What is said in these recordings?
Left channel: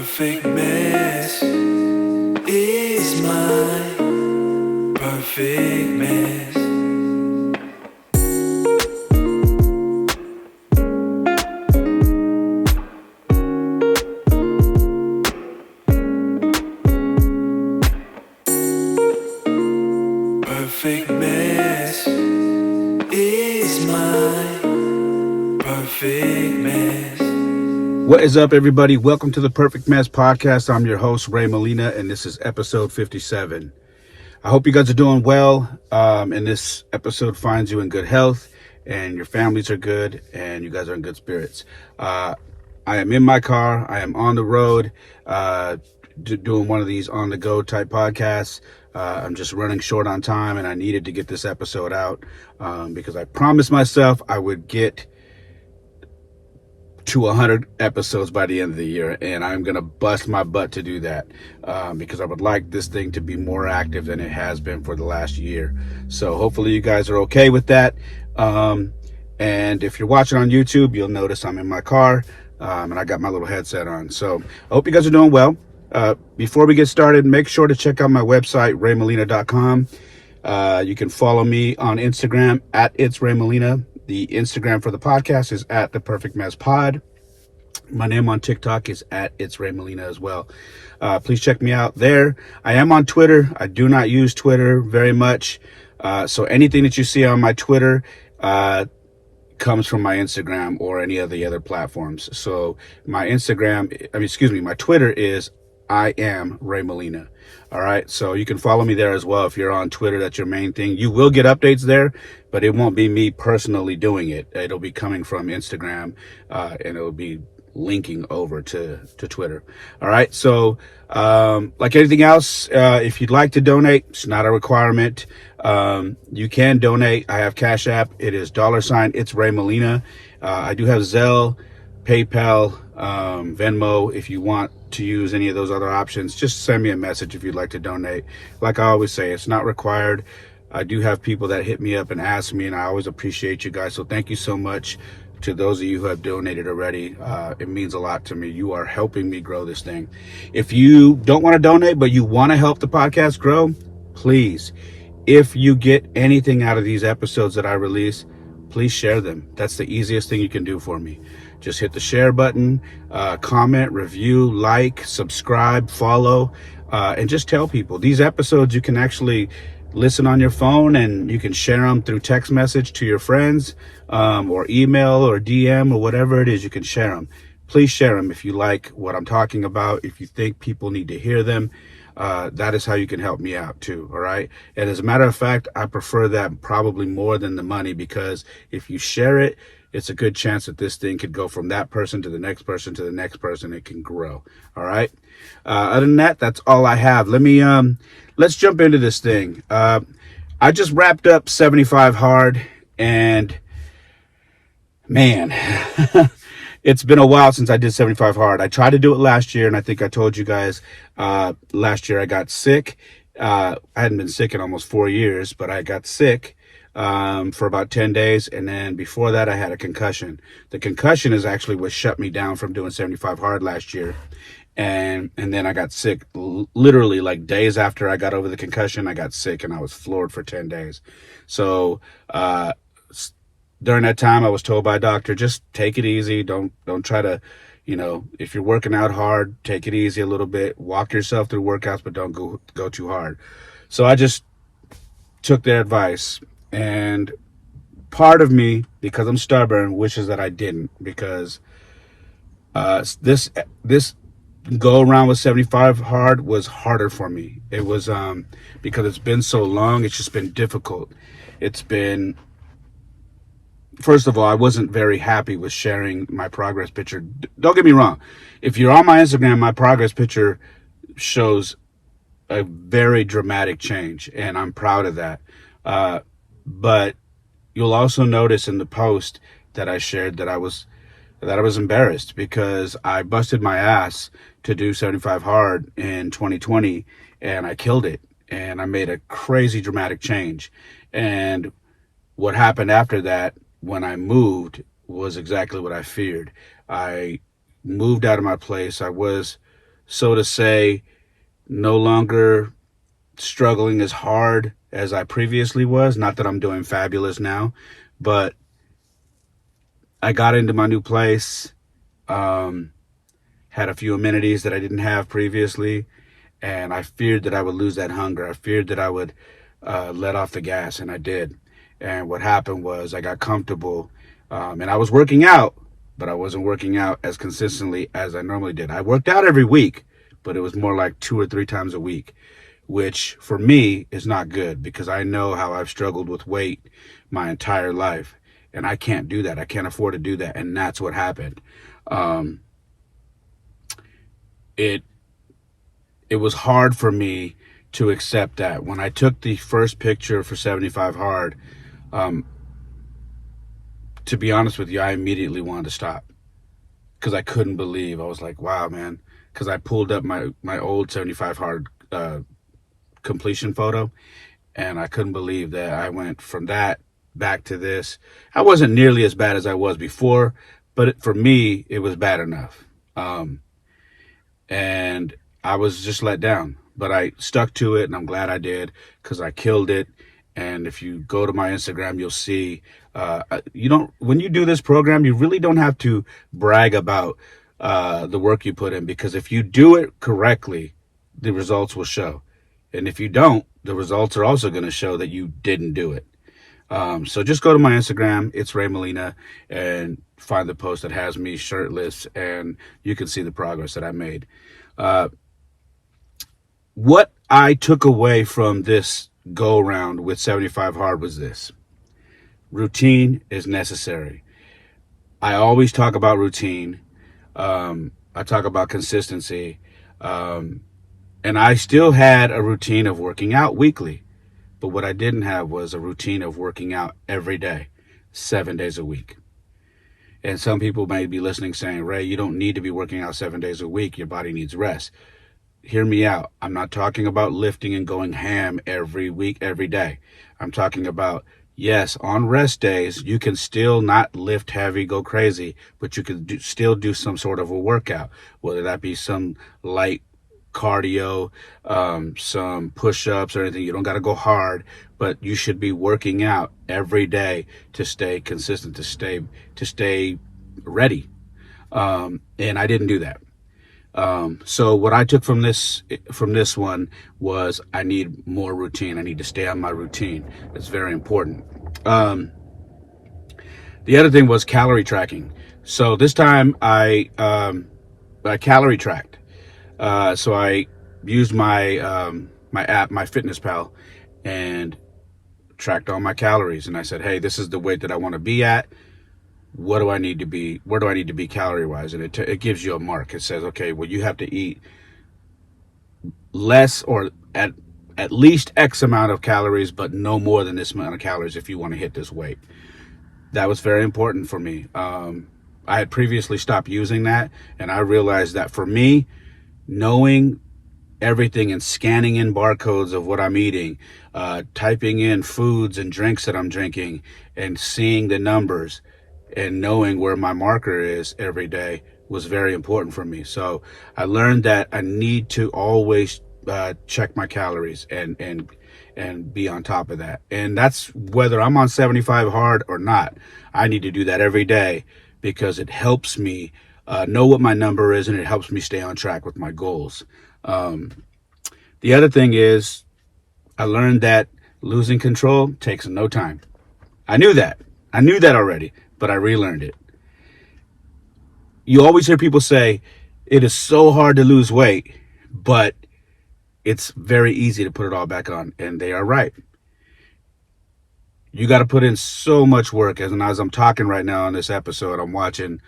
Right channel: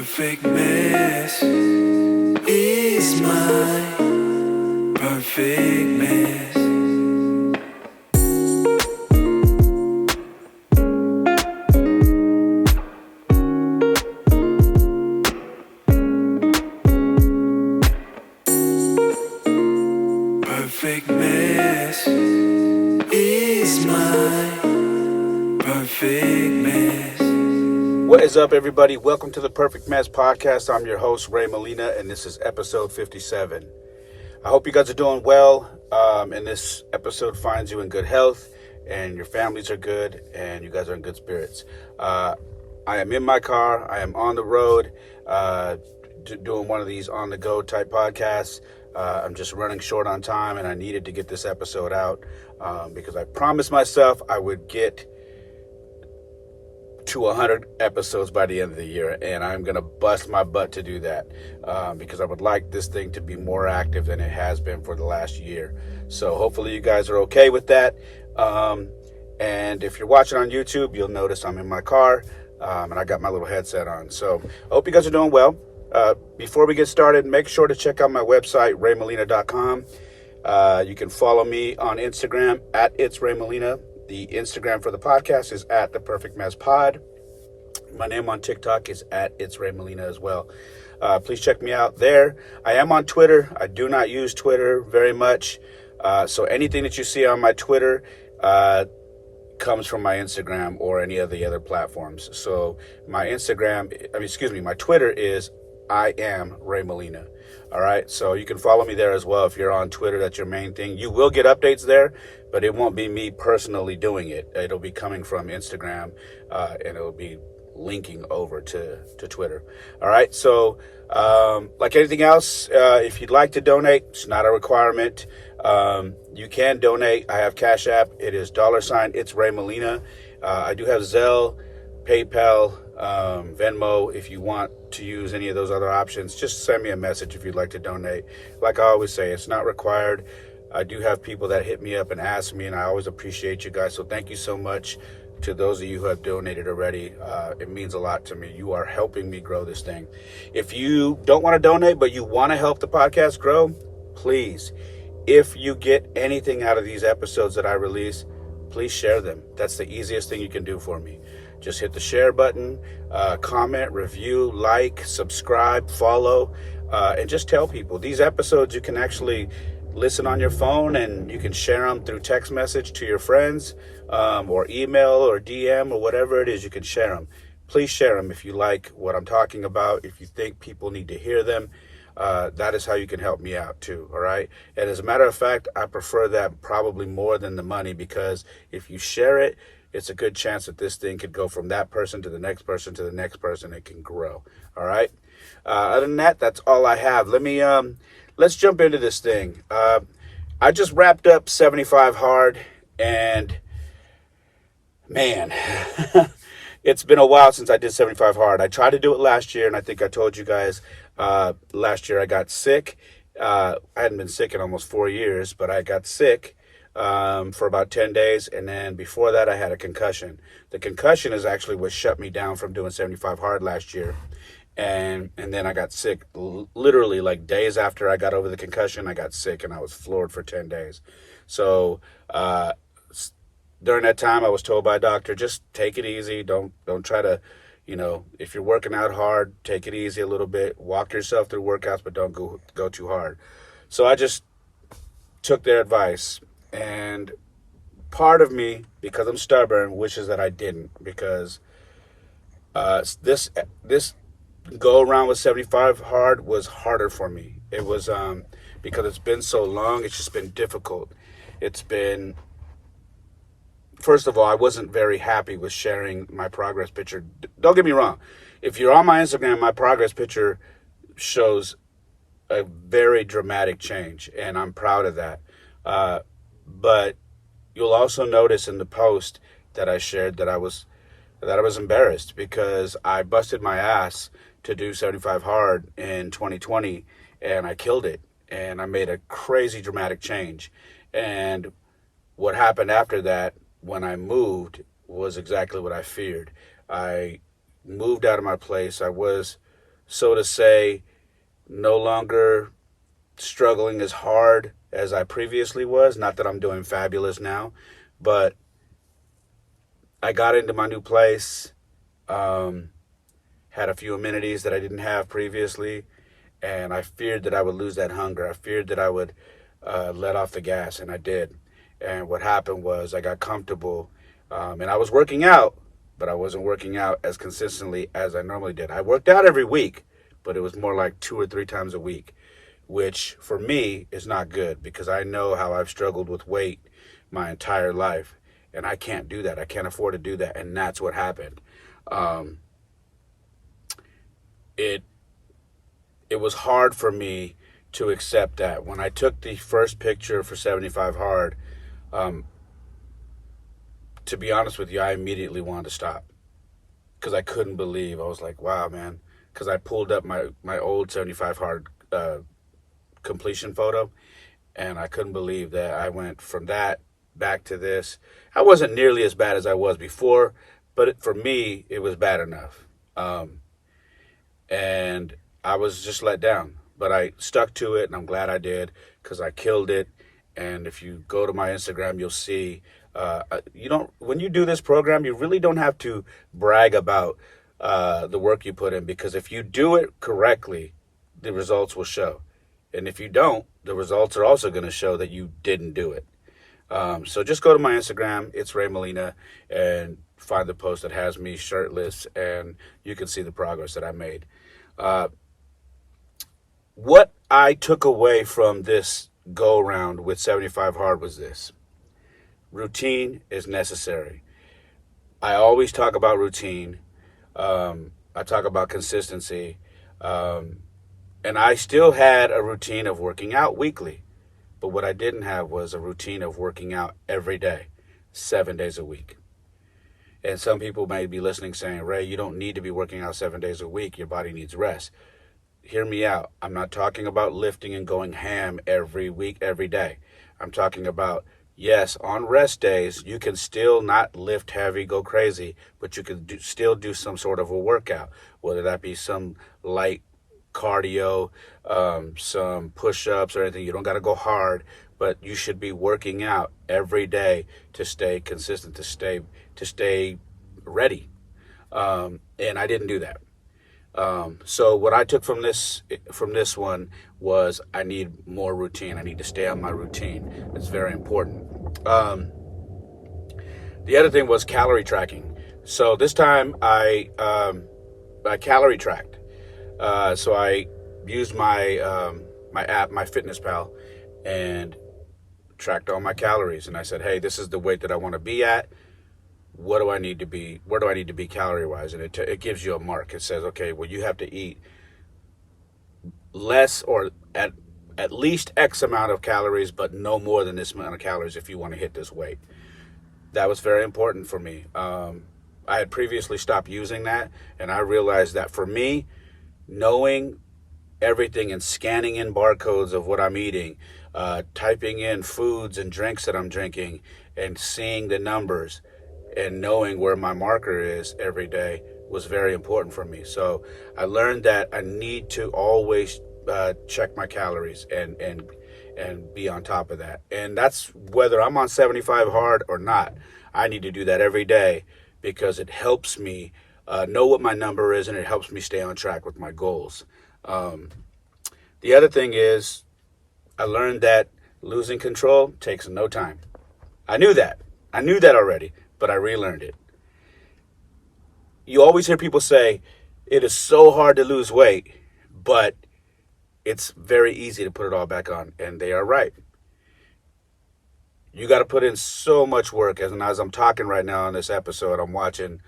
perfect mess is my perfect mess. Perfect mess is my perfect mess. What is up, everybody? Welcome to the Perfect Mess Podcast. I'm your host, Ray Molina, and this is episode 57. I hope you guys are doing well, and this episode finds you in good health, and your families are good, and you guys are in good spirits. I am in my car. I am on the road, doing one of these on-the-go type podcasts. I'm just running short on time, and I needed to get this episode out because I promised myself I would get to 100 episodes by the end of the year, and I'm gonna bust my butt to do that because I would like this thing to be more active than it has been for the last year. So hopefully you guys are okay with that, and if you're watching on YouTube, you'll notice I'm in my car and I got my little headset on. So I hope you guys are doing well. Before we get started, make sure to check out my website, raymolina.com. You can follow me on Instagram at It's Ray Molina. The Instagram for the podcast is at The Perfect Mess Pod. My name on TikTok is at It's Ray Molina as well. Please check me out there. I am on Twitter. I do not use Twitter very much. So anything that you see on my Twitter comes from my Instagram or any of the other platforms. So my Twitter is I am Ray Molina. All right. So you can follow me there as well. If you're on Twitter, that's your main thing. You will get updates there, but it won't be me personally doing it. It'll be coming from Instagram, and it'll be linking over to Twitter. All right. So, like anything else, if you'd like to donate, it's not a requirement. You can donate. I have Cash App. It is $ It's Ray Molina. I do have Zelle, PayPal, Venmo. If you want to use any of those other options, just send me a message if you'd like to donate. Like I always say, it's not required. I do have people that hit me up and ask me, and I always appreciate you guys. So thank you so much to those of you who have donated already. It means a lot to me. You are helping me grow this thing. If you don't want to donate, but you want to help the podcast grow, please, if you get anything out of these episodes that I release, please share them. That's the easiest thing you can do for me. Just hit the share button, comment, review, like, subscribe, follow, and just tell people. These episodes you can actually listen on your phone, and you can share them through text message to your friends, or email or DM or whatever it is. You can share them. Please share them if you like what I'm talking about. If you think people need to hear them, that is how you can help me out too. All right. And as a matter of fact, I prefer that probably more than the money, because if you share it, it's a good chance that this thing could go from that person to the next person to the next person. It can grow. All right. Other than that, that's all I have. Let's jump into this thing. I just wrapped up 75 hard, and man, it's been a while since I did 75 hard. I tried to do it last year, and I think I told you guys, last year I got sick. I hadn't been sick in almost 4 years, but I got sick for about 10 days. And then before that, I had a concussion. The concussion is actually what shut me down from doing 75 hard last year. And then I got sick literally like days after I got over the concussion. I got sick and I was floored for 10 days. So, during that time, I was told by a doctor, just take it easy. Don't try to, if you're working out hard, take it easy a little bit. Walk yourself through workouts, but don't go too hard. So I just took their advice. And part of me, because I'm stubborn, wishes that I didn't, because this go around with 75 hard was harder for me. It was because it's been so long. It's just been difficult. First of all, I wasn't very happy with sharing my progress picture. Don't get me wrong. If you're on my Instagram, my progress picture shows a very dramatic change, and I'm proud of that. But you'll also notice in the post that I shared that I was embarrassed, because I busted my ass to do 75 hard in 2020, and I killed it, and I made a crazy dramatic change. And what happened after that, when I moved, was exactly what I feared. I moved out of my place. I was so to say, no longer struggling as hard as I previously was. Not that I'm doing fabulous now, but I got into my new place, had a few amenities that I didn't have previously, and I feared that I would lose that hunger. I feared that I would let off the gas, and I did. And what happened was I got comfortable, and I was working out, but I wasn't working out as consistently as I normally did. I worked out every week, but it was more like 2 or 3 times a week, which for me is not good because I know how I've struggled with weight my entire life, and I can't do that. I can't afford to do that, and that's what happened. It was hard for me to accept that. When I took the first picture for 75 Hard, to be honest with you, I immediately wanted to stop because I couldn't believe. I was like, wow, man. Because I pulled up my old 75 Hard completion photo, and I couldn't believe that I went from that back to this. I wasn't nearly as bad as I was before, but for me, it was bad enough. And I was just let down, but I stuck to it, and I'm glad I did because I killed it. And if you go to my Instagram, you'll see, when you do this program, you really don't have to brag about the work you put in, because if you do it correctly, the results will show. And if you don't, the results are also going to show that you didn't do it. So just go to my Instagram, it's Ray Molina, and find the post that has me shirtless, and you can see the progress that I made. What I took away from this go around with 75 Hard was this: routine is necessary. I always talk about routine. I talk about consistency. And I still had a routine of working out weekly. But what I didn't have was a routine of working out every day, 7 days a week. And some people may be listening saying, Ray, you don't need to be working out 7 days a week. Your body needs rest. Hear me out. I'm not talking about lifting and going ham every week, every day. I'm talking about, yes, on rest days, you can still not lift heavy, go crazy, but you can still do some sort of a workout, whether that be some light cardio, some push-ups or anything. You don't got to go hard, but you should be working out every day to stay consistent, to stay ready. And I didn't do that. So what I took from this one was I need more routine. I need to stay on my routine. It's very important. The other thing was calorie tracking. So this time I calorie tracked. So I used my my app, my Fitness Pal, and tracked all my calories. And I said, hey, this is the weight that I want to be at. What do I need to be? Where do I need to be calorie wise? And it gives you a mark. It says, okay, well, you have to eat less or at least X amount of calories, but no more than this amount of calories if you want to hit this weight. That was very important for me. I had previously stopped using that, and I realized that for me, knowing everything and scanning in barcodes of what I'm eating, typing in foods and drinks that I'm drinking, and seeing the numbers and knowing where my marker is every day was very important for me. So I learned that I need to always check my calories and be on top of that. And that's whether I'm on 75 Hard or not. I need to do that every day because it helps me know what my number is, and it helps me stay on track with my goals. The other thing is I learned that losing control takes no time. I knew that already, but I relearned it. You always hear people say it is so hard to lose weight, but it's very easy to put it all back on, and they are right. You got to put in so much work. As I'm talking right now on this episode, I'm watching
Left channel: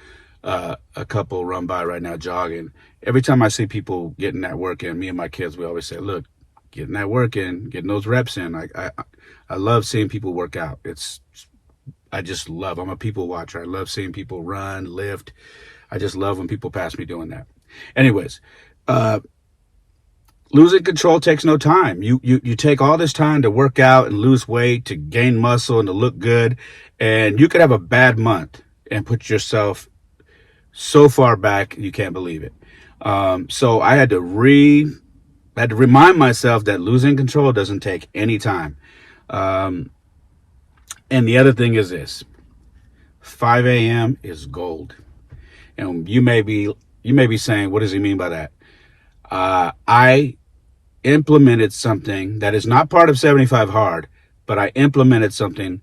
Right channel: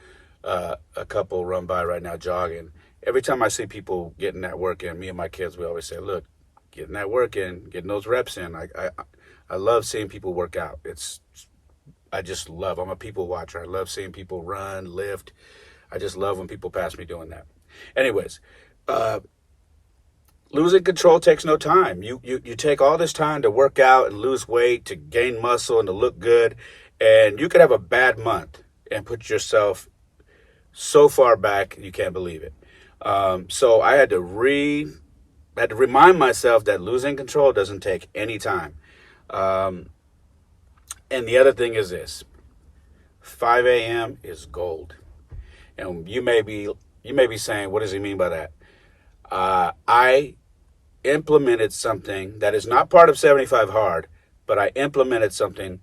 a couple run by right now jogging. Every time I see people getting that work in, me and my kids, we always say, look, getting that work in, getting those reps in. I love seeing people work out. I'm a people watcher. I love seeing people run, lift. I just love when people pass me doing that. Anyways, losing control takes no time. You take all this time to work out and lose weight, to gain muscle and to look good, and you could have a bad month and put yourself so far back you can't believe it. So I had to remind myself that losing control doesn't take any time. Um, and the other thing is this: 5 a.m. is gold. And you may be saying, what does he mean by that? I implemented something that is not part of 75 Hard, but I implemented something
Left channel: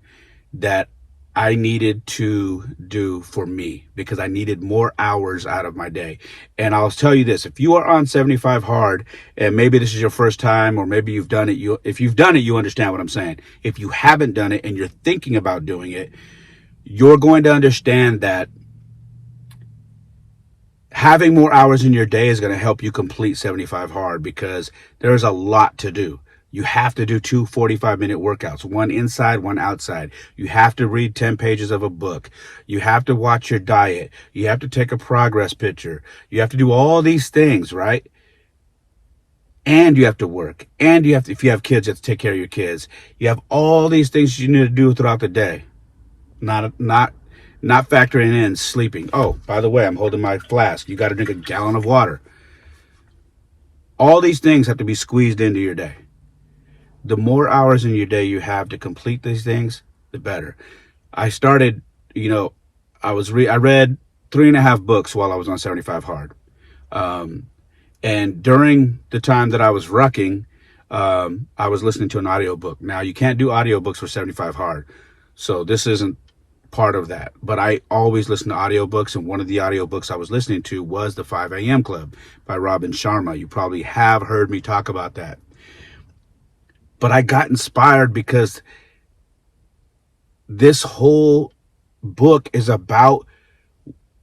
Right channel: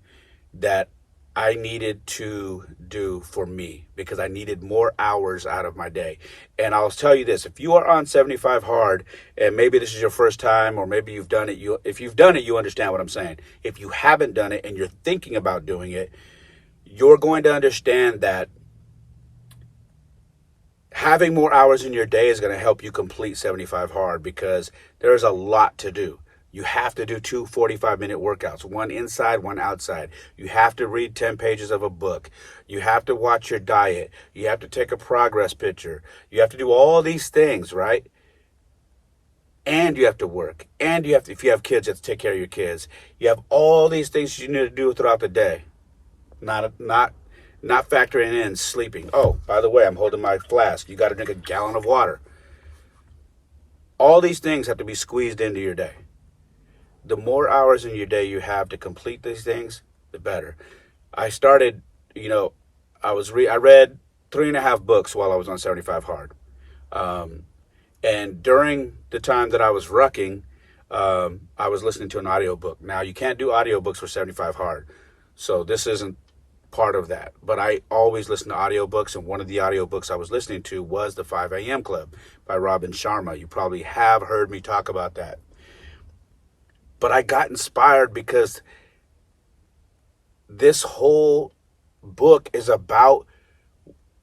that I needed to do for me because I needed more hours out of my day. And I'll tell you this: if you are on 75 Hard, and maybe this is your first time, or maybe you've done it, if you've done it, you understand what I'm saying. If you haven't done it and you're thinking about doing it, you're going to understand that having more hours in your day is going to help you complete 75 Hard, because there's a lot to do. You have to do two 45-minute workouts, one inside, one outside. You have to read 10 pages of a book. You have to watch your diet. You have to take a progress picture. You have to do all these things, right? And you have to work. And you have to, if you have kids, you have to take care of your kids. You have all these things you need to do throughout the day. Not factoring in sleeping. Oh, by the way, I'm holding my flask. You got to drink a gallon of water. All these things have to be squeezed into your day. The more hours in your day you have to complete these things, the better. I started, I read 3.5 books while I was on 75 Hard. And during the time that I was rucking, I was listening to an audiobook. Now, you can't do audiobooks for 75 Hard, so this isn't part of that. But I always listen to audiobooks, and one of the audiobooks I was listening to was The 5 a.m. Club by Sharma. You probably have heard me talk about that. But I got inspired because this whole book is about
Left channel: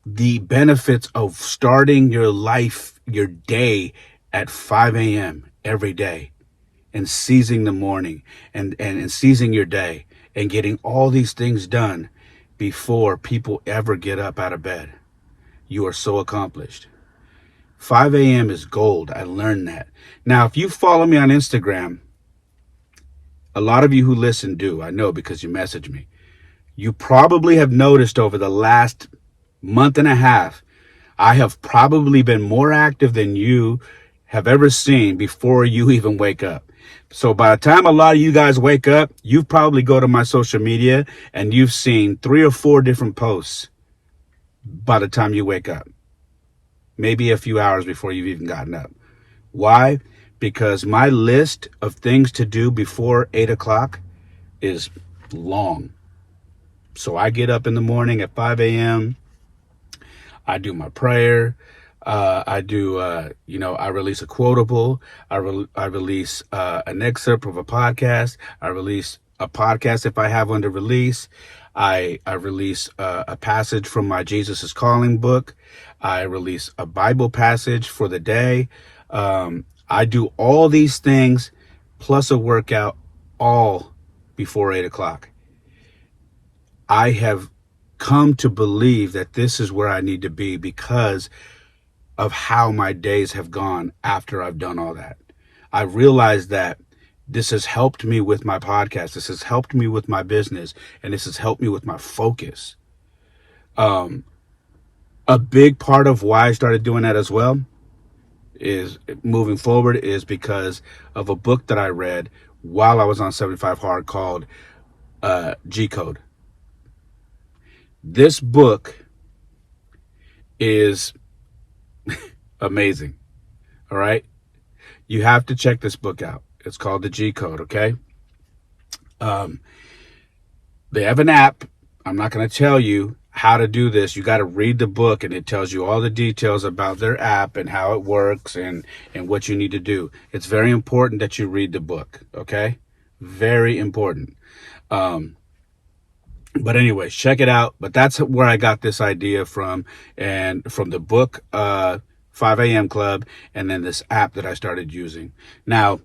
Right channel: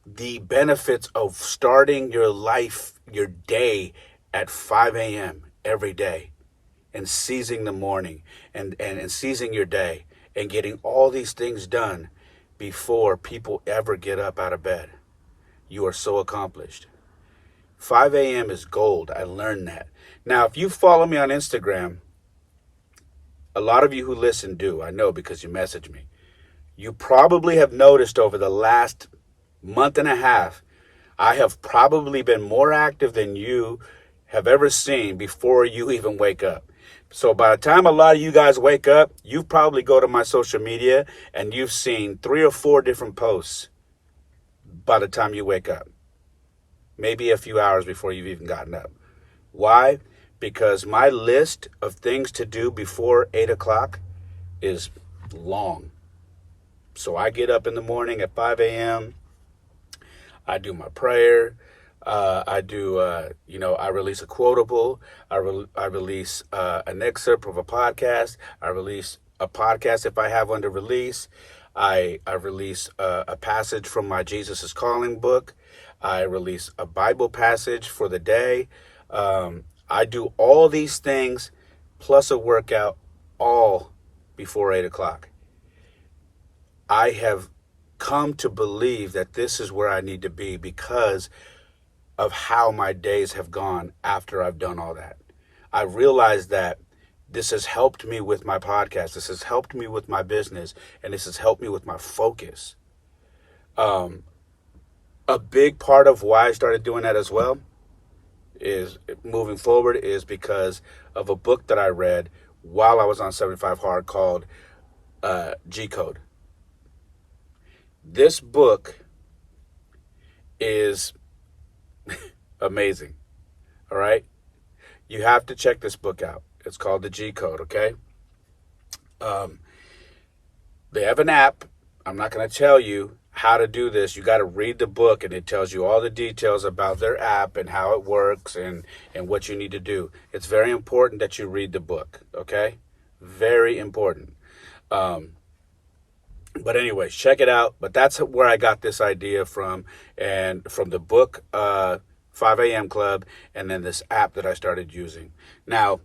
the benefits of starting your life, your day at 5 a.m. every day, and seizing the morning and seizing your day and getting all these things done before people ever get up out of bed. You are so accomplished. 5 a.m. is gold. I learned that. Now, if you follow me on Instagram, a lot of you who listen do, I know, because you message me. You probably have noticed over the last month and a half, I have probably been more active than you have ever seen before you even wake up. So by the time a lot of you guys wake up, you've probably go to my social media and you've seen 3 or 4 different posts by the time you wake up. Maybe a few hours before you've even gotten up. Why? Because my list of things to do before 8 o'clock is long. So I get up in the morning at 5 a.m. I do my prayer. I release a quotable. I release an excerpt of a podcast. I release a podcast if I have one to release. I release a passage from my Jesus is Calling book. I release a Bible passage for the day. I do all these things plus a workout all before 8 o'clock. I have come to believe that this is where I need to be because of how my days have gone after I've done all that. I realized that this has helped me with my podcast. This has helped me with my business, and this has helped me with my focus. A big part of why I started doing that as well is moving forward is because of a book that I read while I was on 75 Hard called G-Code. This book is amazing. All right. You have to check this book out. It's called the G-Code. Okay. They have an app. I'm not going to tell you how to do this. You got to read the book, and it tells you all the details about their app and how it works and what you need to do. It's very important that you read the book. Okay. Very important. But anyways, check it out. But that's where I got this idea from, and from the book, 5 a.m. Club, and then this app that I started using. Now,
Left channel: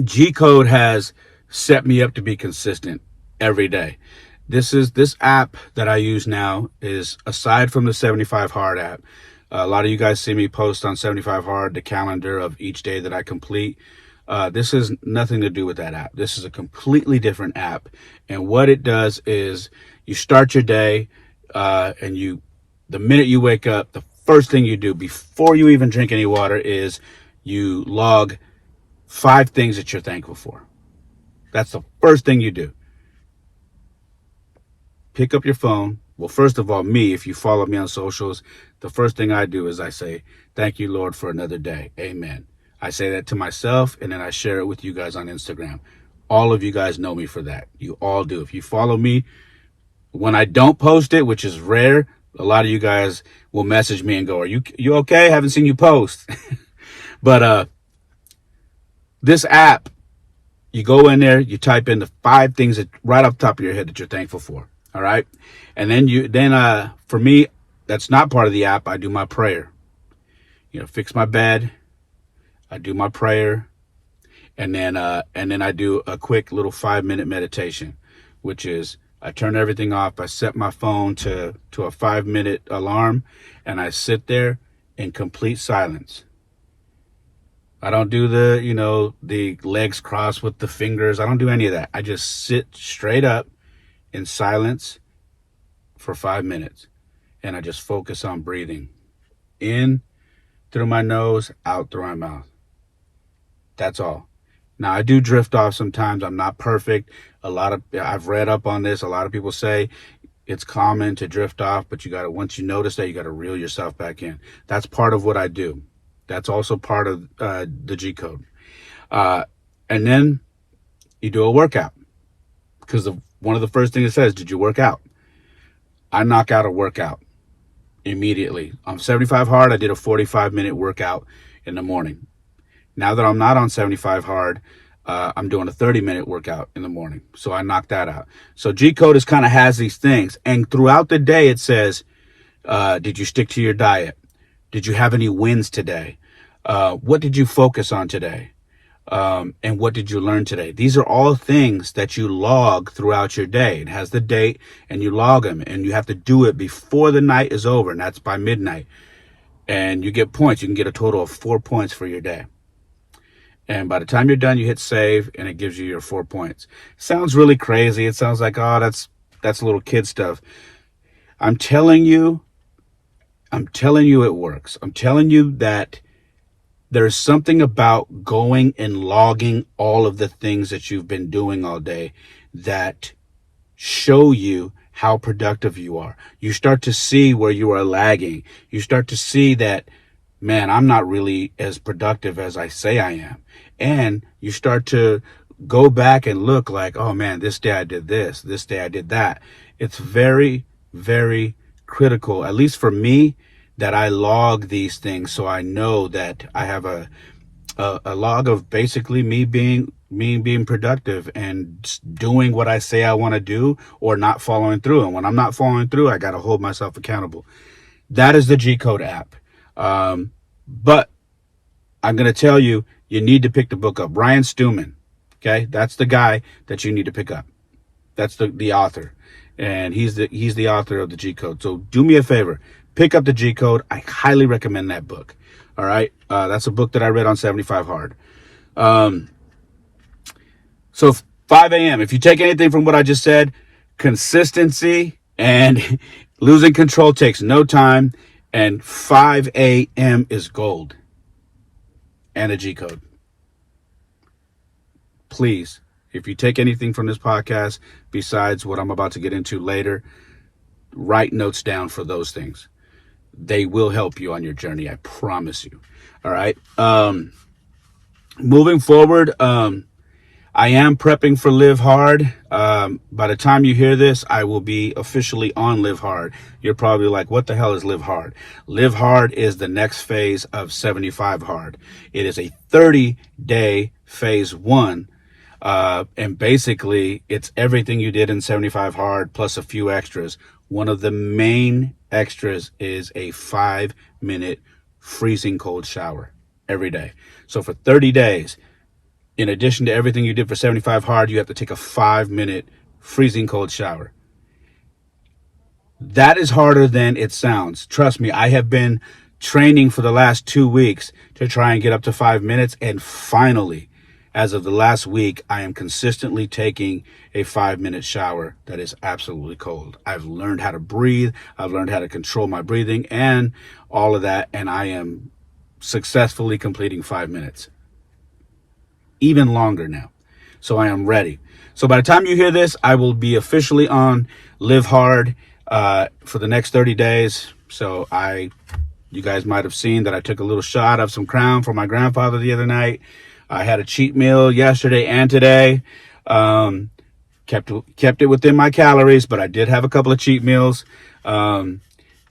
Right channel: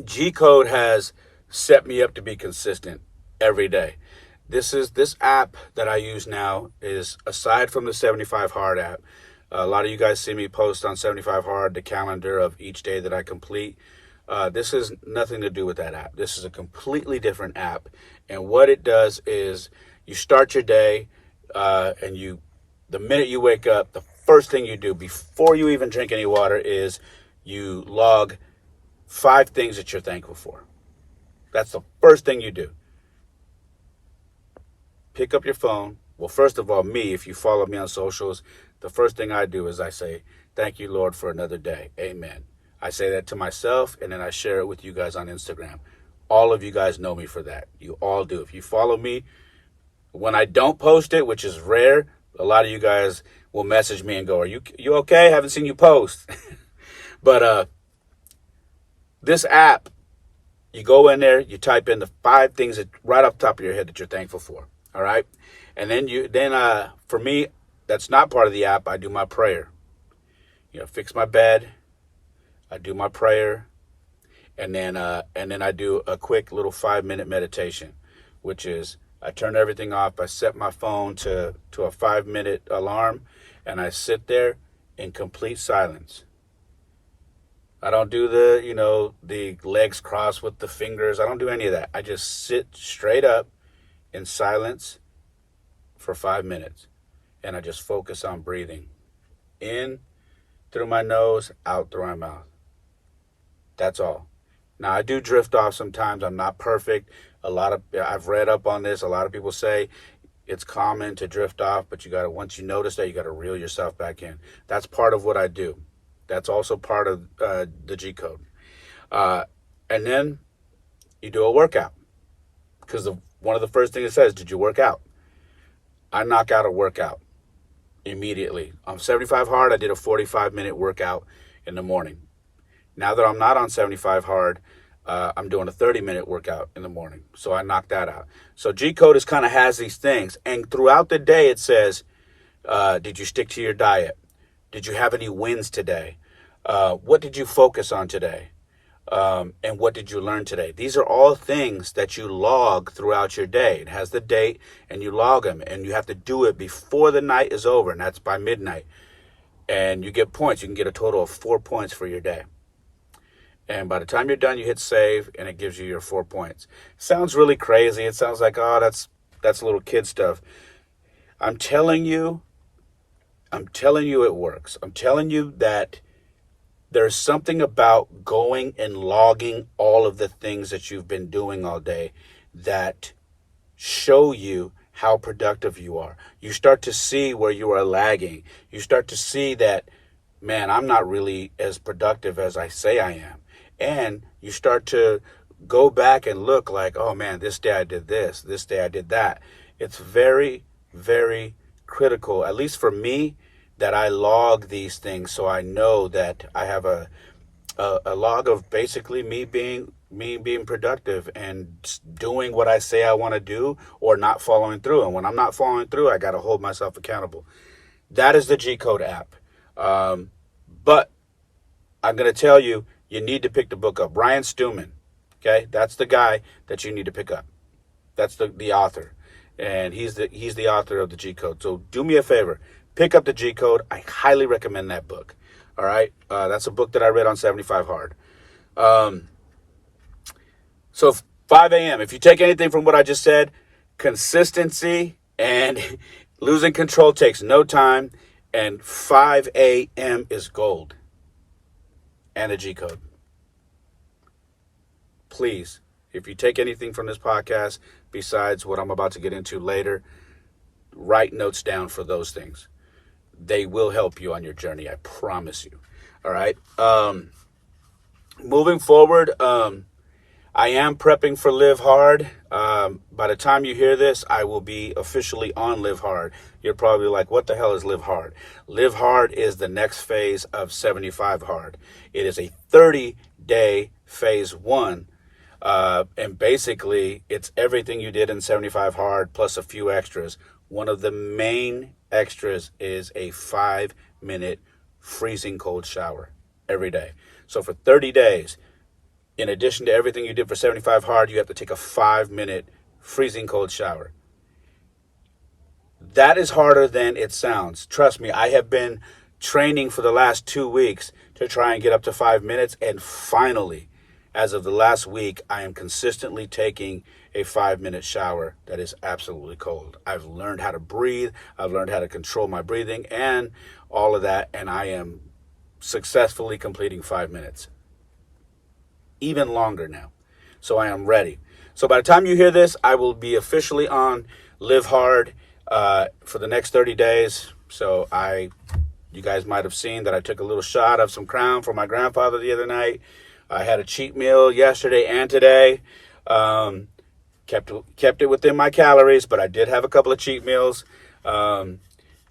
G-Code has set me up to be consistent every day. This app that I use now is, aside from the 75 Hard app, a lot of you guys see me post on 75 Hard the calendar of each day that I complete. This has nothing to do with that app. This is a completely different app. And what it does is you start your day, and the minute you wake up, the first thing you do before you even drink any water is you log 5 things that you're thankful for. That's the first thing you do. Pick up your phone. Well, first of all, me, if you follow me on socials, the first thing I do is I say, thank you, Lord, for another day. Amen. I say that to myself, and then I share it with you guys on Instagram. All of you guys know me for that. You all do. If you follow me, when I don't post it, which is rare, a lot of you guys will message me and go, are you okay? Haven't seen you post. But this app, you go in there, you type in the 5 things that right off the top of your head that you're thankful for. All right. And then for me, that's not part of the app. I do my prayer. Fix my bed. I do my prayer. And then I do a quick little 5-minute meditation, which is I turn everything off. I set my phone to a 5-minute alarm, and I sit there in complete silence. I don't do the legs crossed with the fingers. I don't do any of that. I just sit straight up in silence for 5 minutes, and I just focus on breathing in through my nose, out through my mouth. That's all. Now, I do drift off sometimes. I'm not perfect. I've read up on this. A lot of people say it's common to drift off, but once you notice that, you got to reel yourself back in. That's part of what I do. That's also part of the G code. And then you do a workout, because one of the first things it says, did you work out? I knock out a workout immediately. On 75 hard, I did a 45-minute workout in the morning. Now that I'm not on 75 hard, I'm doing a 30-minute workout in the morning. So I knocked that out. So G code kind of has these things. And throughout the day, it says, did you stick to your diet? Did you have any wins today? What did you focus on today? And what did you learn today? These are all things that you log throughout your day. It has the date, and you log them, and you have to do it before the night is over, and that's by midnight. And you get points. You can get a total of 4 points for your day. And by the time you're done, you hit save, and it gives you your 4 points. Sounds really crazy. It sounds like, oh, that's little kid stuff. I'm telling you it works. I'm telling you that there's something about going and logging all of the things that you've been doing all day that show you how productive you are. You start to see where you are lagging. You start to see that, man, I'm not really as productive as I say I am. And you start to go back and look like, oh man, this day I did this day I did that. It's very, very critical, at least for me, that I log these things, so I know that I have a log of basically me being productive and doing what I say I want to do, or not following through. And when I'm not following through, I got to hold myself accountable. That is the G Code app. But I'm going to tell you, you need to pick the book up. Ryan Stewman, okay? That's the guy that you need to pick up. That's the author. And he's the author of the G Code. So do me a favor. Pick up the G Code. I highly recommend that book. All right. That's a book that I read on 75 hard. So 5 a.m. If you take anything from what I just said, consistency and losing control takes no time. And 5 a.m. is gold. And a G Code. Please, if you take anything from this podcast, besides what I'm about to get into later, write notes down for those things. They will help you on your journey. I promise you. All right. Moving forward, I am prepping for Live Hard. By the time you hear this, I will be officially on Live Hard. You're probably like, what the hell is Live Hard? Live Hard is the next phase of 75 hard. It is a 30-day phase 1. And basically, it's everything you did in 75 hard plus a few extras. One of the main extras is a 5-minute freezing cold shower every day. So for 30 days, in addition to everything you did for 75 hard, you have to take a 5-minute freezing cold shower. That is harder than it sounds. Trust me, I have been training for the last 2 weeks to try and get up to 5 minutes. And finally, as of the last week, I am consistently taking a 5-minute shower that is absolutely cold. I've learned how to breathe. I've learned how to control my breathing. And all of that, and I am successfully completing 5 minutes. Even longer now. So I am ready. So by the time you hear this, I will be officially on Live Hard for the next 30 days. So you guys might have seen that I took a little shot of some Crown for my grandfather the other night. I had a cheat meal yesterday and today. Kept it within my calories, but I did have a couple of cheat meals. And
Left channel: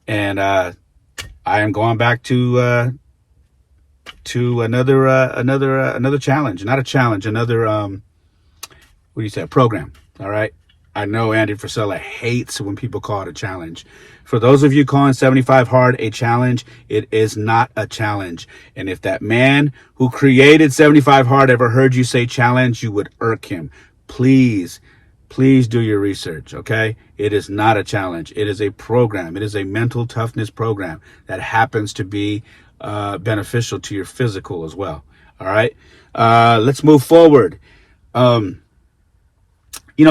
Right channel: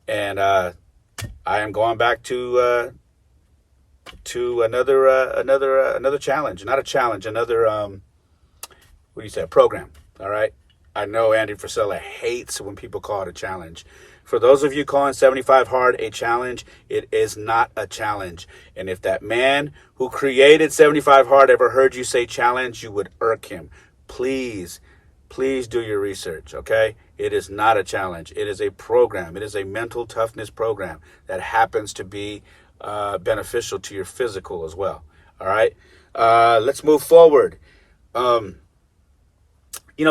I am going back to another challenge. Not a challenge, another what do you say, program. All right. I know Andy Frisella hates when people call it a challenge. For those of you calling 75 Hard a challenge, it is not a challenge. And if that man who created 75 Hard ever heard you say challenge, you would irk him. Please do your research, okay? It is not a challenge. It is a program. It is a mental toughness program that happens to be beneficial to your physical as well. All right? Let's move forward.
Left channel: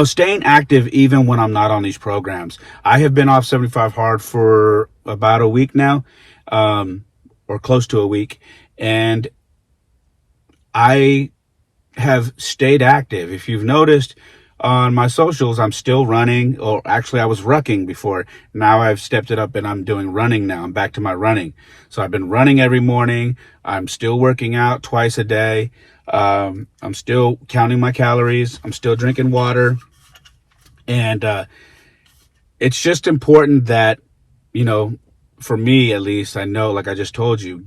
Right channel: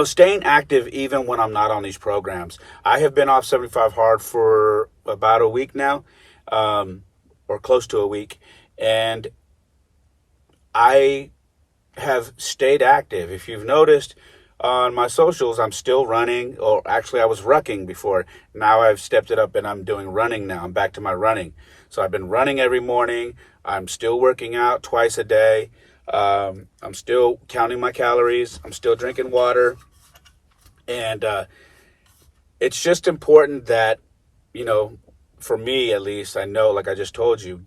Staying active even when I'm not on these programs. I have been off 75 Hard for about a week now, or close to a week, and I have stayed active. If you've noticed on my socials, I'm still running, or actually I was rucking before. Now I've stepped it up and I'm doing running now. I'm back to my running. So I've been running every morning. I'm still working out twice a day. I'm still counting my calories. I'm still drinking water. And it's just important that, for me at least, I know, like I just told you,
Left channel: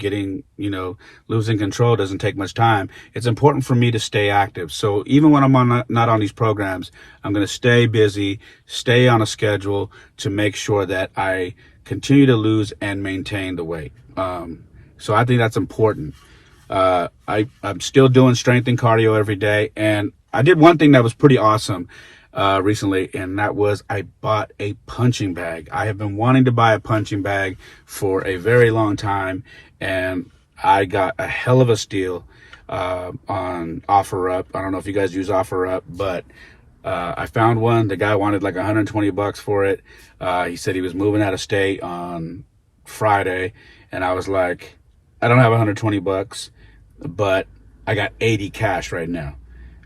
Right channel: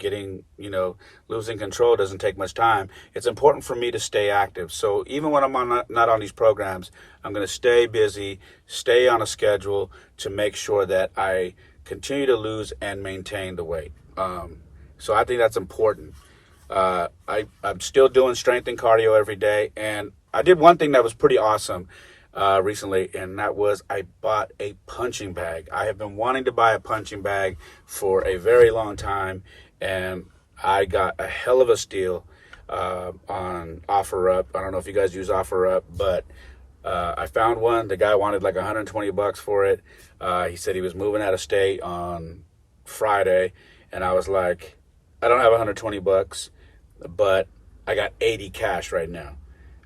losing control doesn't take much time. It's important for me to stay active. So even when I'm not on these programs, I'm going to stay busy, stay on a schedule to make sure that I continue to lose and maintain the weight. So I think that's important. I'm still doing strength and cardio every day. And I did one thing that was pretty awesome recently, and that was I bought a punching bag. I have been wanting to buy a punching bag for a very long time, and I got a hell of a steal on OfferUp. I don't know if you guys use OfferUp, but I found one. The guy wanted like $120 for it. He said he was moving out of state on Friday, and I was like, I don't have $120, but I got 80 cash right now.